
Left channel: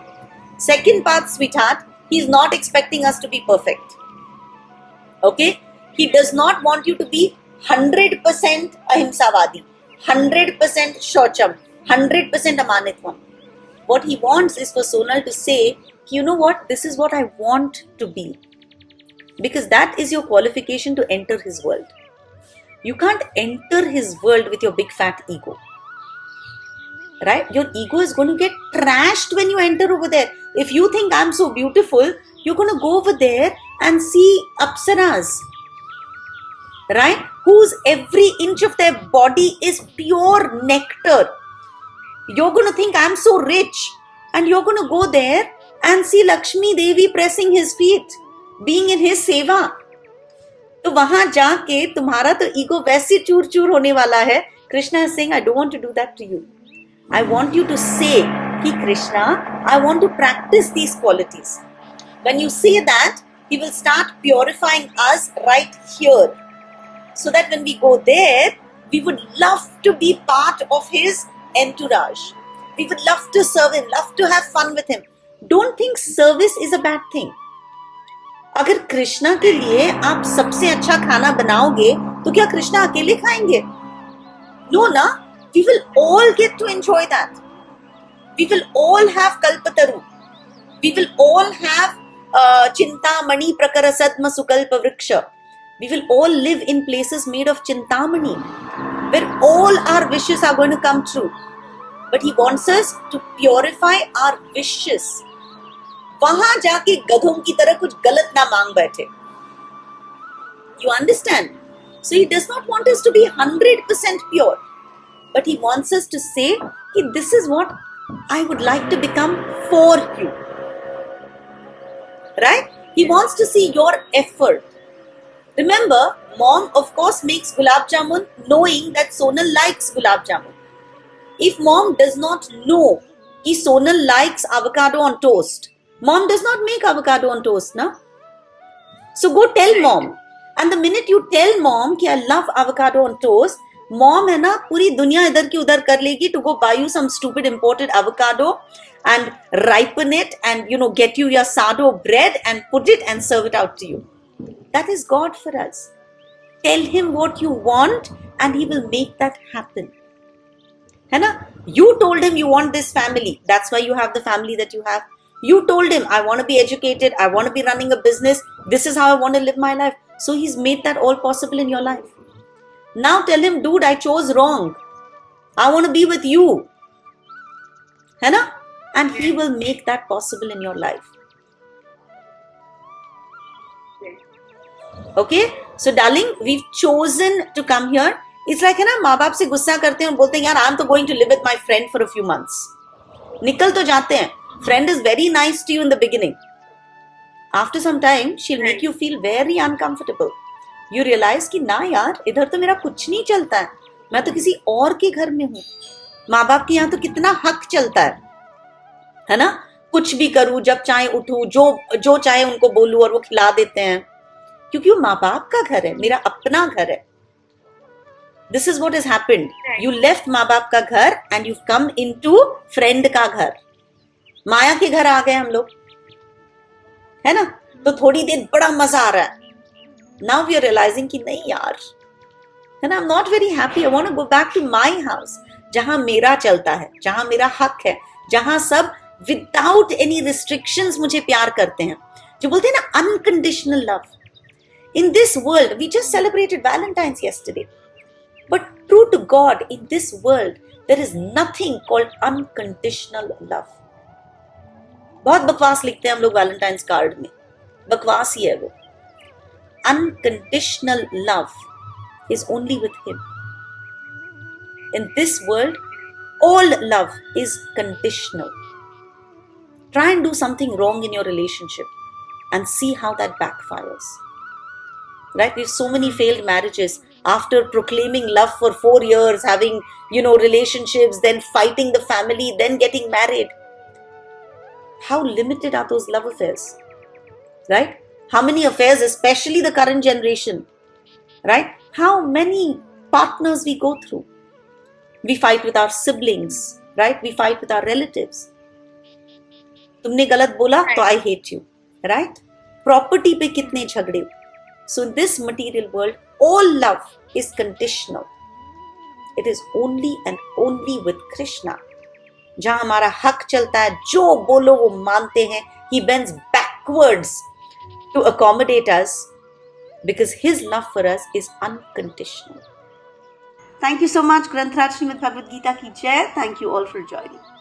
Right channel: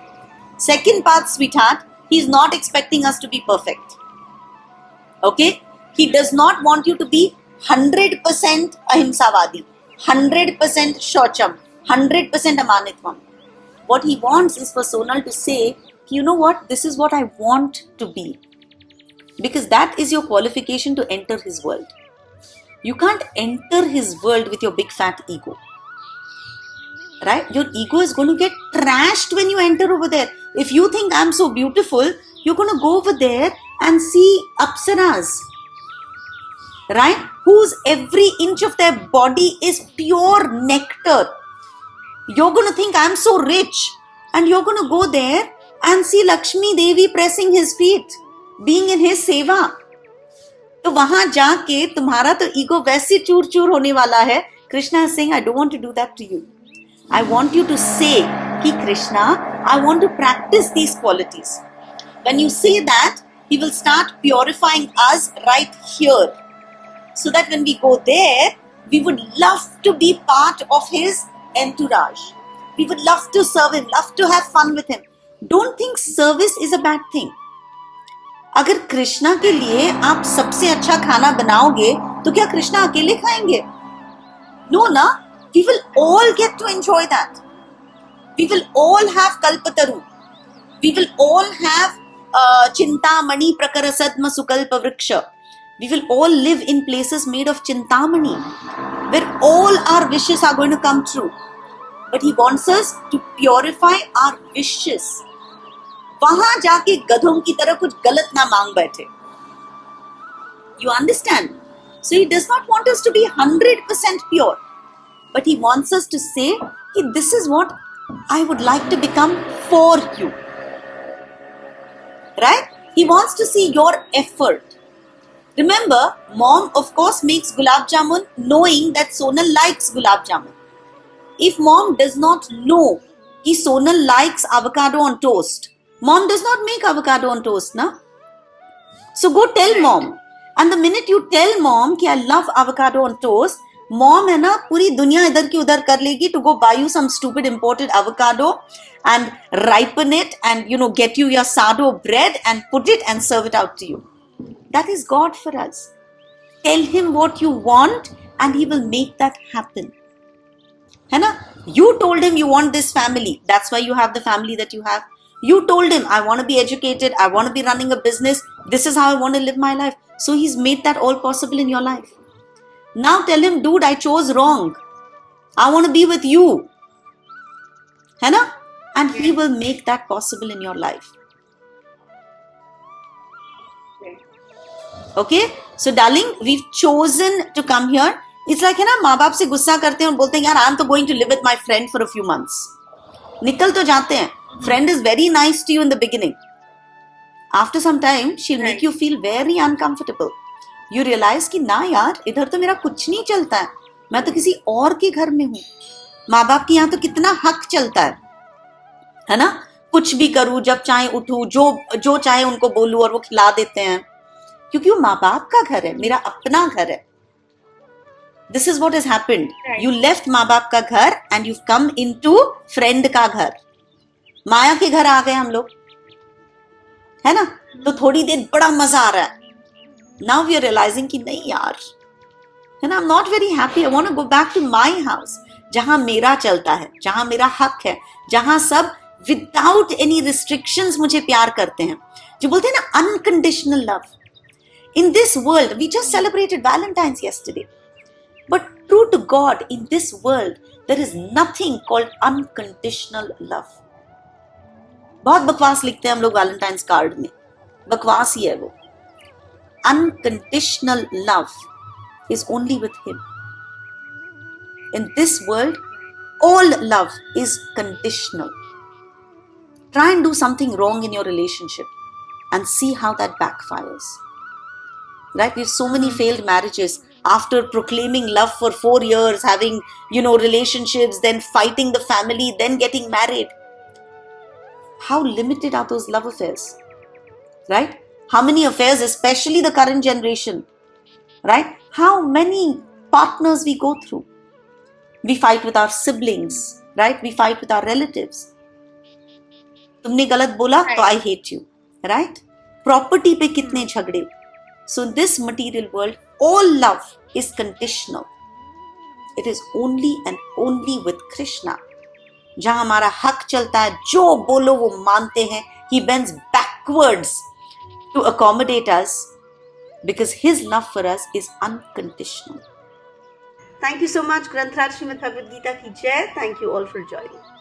Second part, sweetheart, he's not expecting us to be perfect. Okay? He does not want you to be 100% ahimsavadi, 100% shocham, 100% amanitvam. What he wants is for Sonal to say, you know what, this is what I want to be. Because that is your qualification to enter his world. You can't enter his world with your big fat ego. Right? Your ego is going to get trashed when you enter over there. If you think I'm so beautiful, you're going to go over there and see apsaras. Right? Whose every inch of their body is pure nectar. You're going to think I'm so rich. And you're going to go there and see Lakshmi Devi pressing his feet, being in his seva. तो वहां जाके तुम्हारा तो ego वैसे चूर चूर होने वाला है. Krishna is saying, I don't want to do that to you. I want you to say, Ki Krishna, I want to practice these qualities. When you say that, he will start purifying us right here. So that when we go there, we would love to be part of his entourage. We would love to serve him, love to have fun with him. Don't think service is a bad thing. अगर कृष्णा के लिए आप सबसे अच्छा खाना बनाओगे तो क्या कृष्णा अकेले खाएंगे? No, na. We will all get to enjoy that. We will all have kalpataru. We will all have chintamani prakarasadma sukalpa vriksha. We will all live in places made of chintamani, where all our wishes are going to come true. But he wants us to purify our wishes. वहां जाके गधों की तरह कुछ गलत ना मांग बैठे. You understand? So he does not want us to be 100% pure. But he wants us to say, this is what I would like to become for you. Right? He wants to see your effort. Remember, mom of course makes gulab jamun knowing that Sonal likes gulab jamun. If mom does not know that Sonal likes avocado on toast, mom does not make avocado on toast, na? So go tell mom. And the minute you tell mom that I love avocado on toast, mom है ना पूरी दुनिया इधर की उधर कर लेगी to go buy you some stupid imported avocado and ripen it and get you your sourdough bread and put it and serve it out to you. That is God for us. Tell him what you want and he will make that happen. है ना? You told him you want this family. That's why you have the family that you have. You told him I want to be educated. I want to be running a business. This is how I want to live my life. So he's made that all possible in your life. Now tell him, dude, I chose wrong. I want to be with you. है ना? And he will make that possible in your life. Okay? So darling, we've chosen to come here. It's like है ना, माँ बाप से गुस्सा करते हैं और बोलते हैं यार I'm तो going to live with my friend for a few months. निकल तो जाते हैं. Friend is very nice to you in the beginning. After some time, she'll make you feel very uncomfortable. You realize कि ना यार इधर तो मेरा कुछ नहीं चलता है. मैं तो किसी और के घर में हूँ. माँ बाप के यहाँ तो कितना हक चलता है ना? कुछ भी करूँ, जब चाहे उठूँ, जो चाहे उनको बोलूँ और वो खिला देते हैं. क्योंकि वो माँ बाप का घर है, मेरा अपना घर है. This is what has happened. You left माँ बाप का घर and you've come into friend का घर. माया के घर आ गए हम लोग, है ना? तो थोड़ी देर बड़ा मजा आ रहा है. Now we are realizing कि नहीं यार, and I'm not very happy. I want to go back to my house, जहाँ मेरा चलता है, जहाँ मेरा हक है, जहाँ सब without any restrictions मुझे प्यार करते हैं. जो बोलते हैं ना unconditional love. In this world, we just celebrated Valentine's yesterday. But true to God, in this world, there is nothing called unconditional love. बहुत बकवास लिखते हैं हम लोग वैलेंटाइन्स कार्ड में. बकवास ही है वो. Unconditional love is only with him. In this world, all love is conditional. Try and do something wrong in your relationship and see how that backfires. Right? We have so many failed marriages after proclaiming love for 4 years, having, relationships, then fighting the family, then getting married. how limited are those love affairs? Right? How many affairs, especially the current generation, right? How many partners we go through? We fight with our siblings, right? We fight with our relatives. तुमने गलत बोला तो I hate you, right? Property पे कितने झगड़े? So in this material world, all love is conditional. It is only and only with Krishna. जहाँ हमारा हक चलता है, जो बोलो वो मानते हैं. He bends backwards to accommodate us because his love for us is unconditional. Thank you so much, Granth Raj Srimad Bhagavad Gita ki Jai. Thank you all for joining.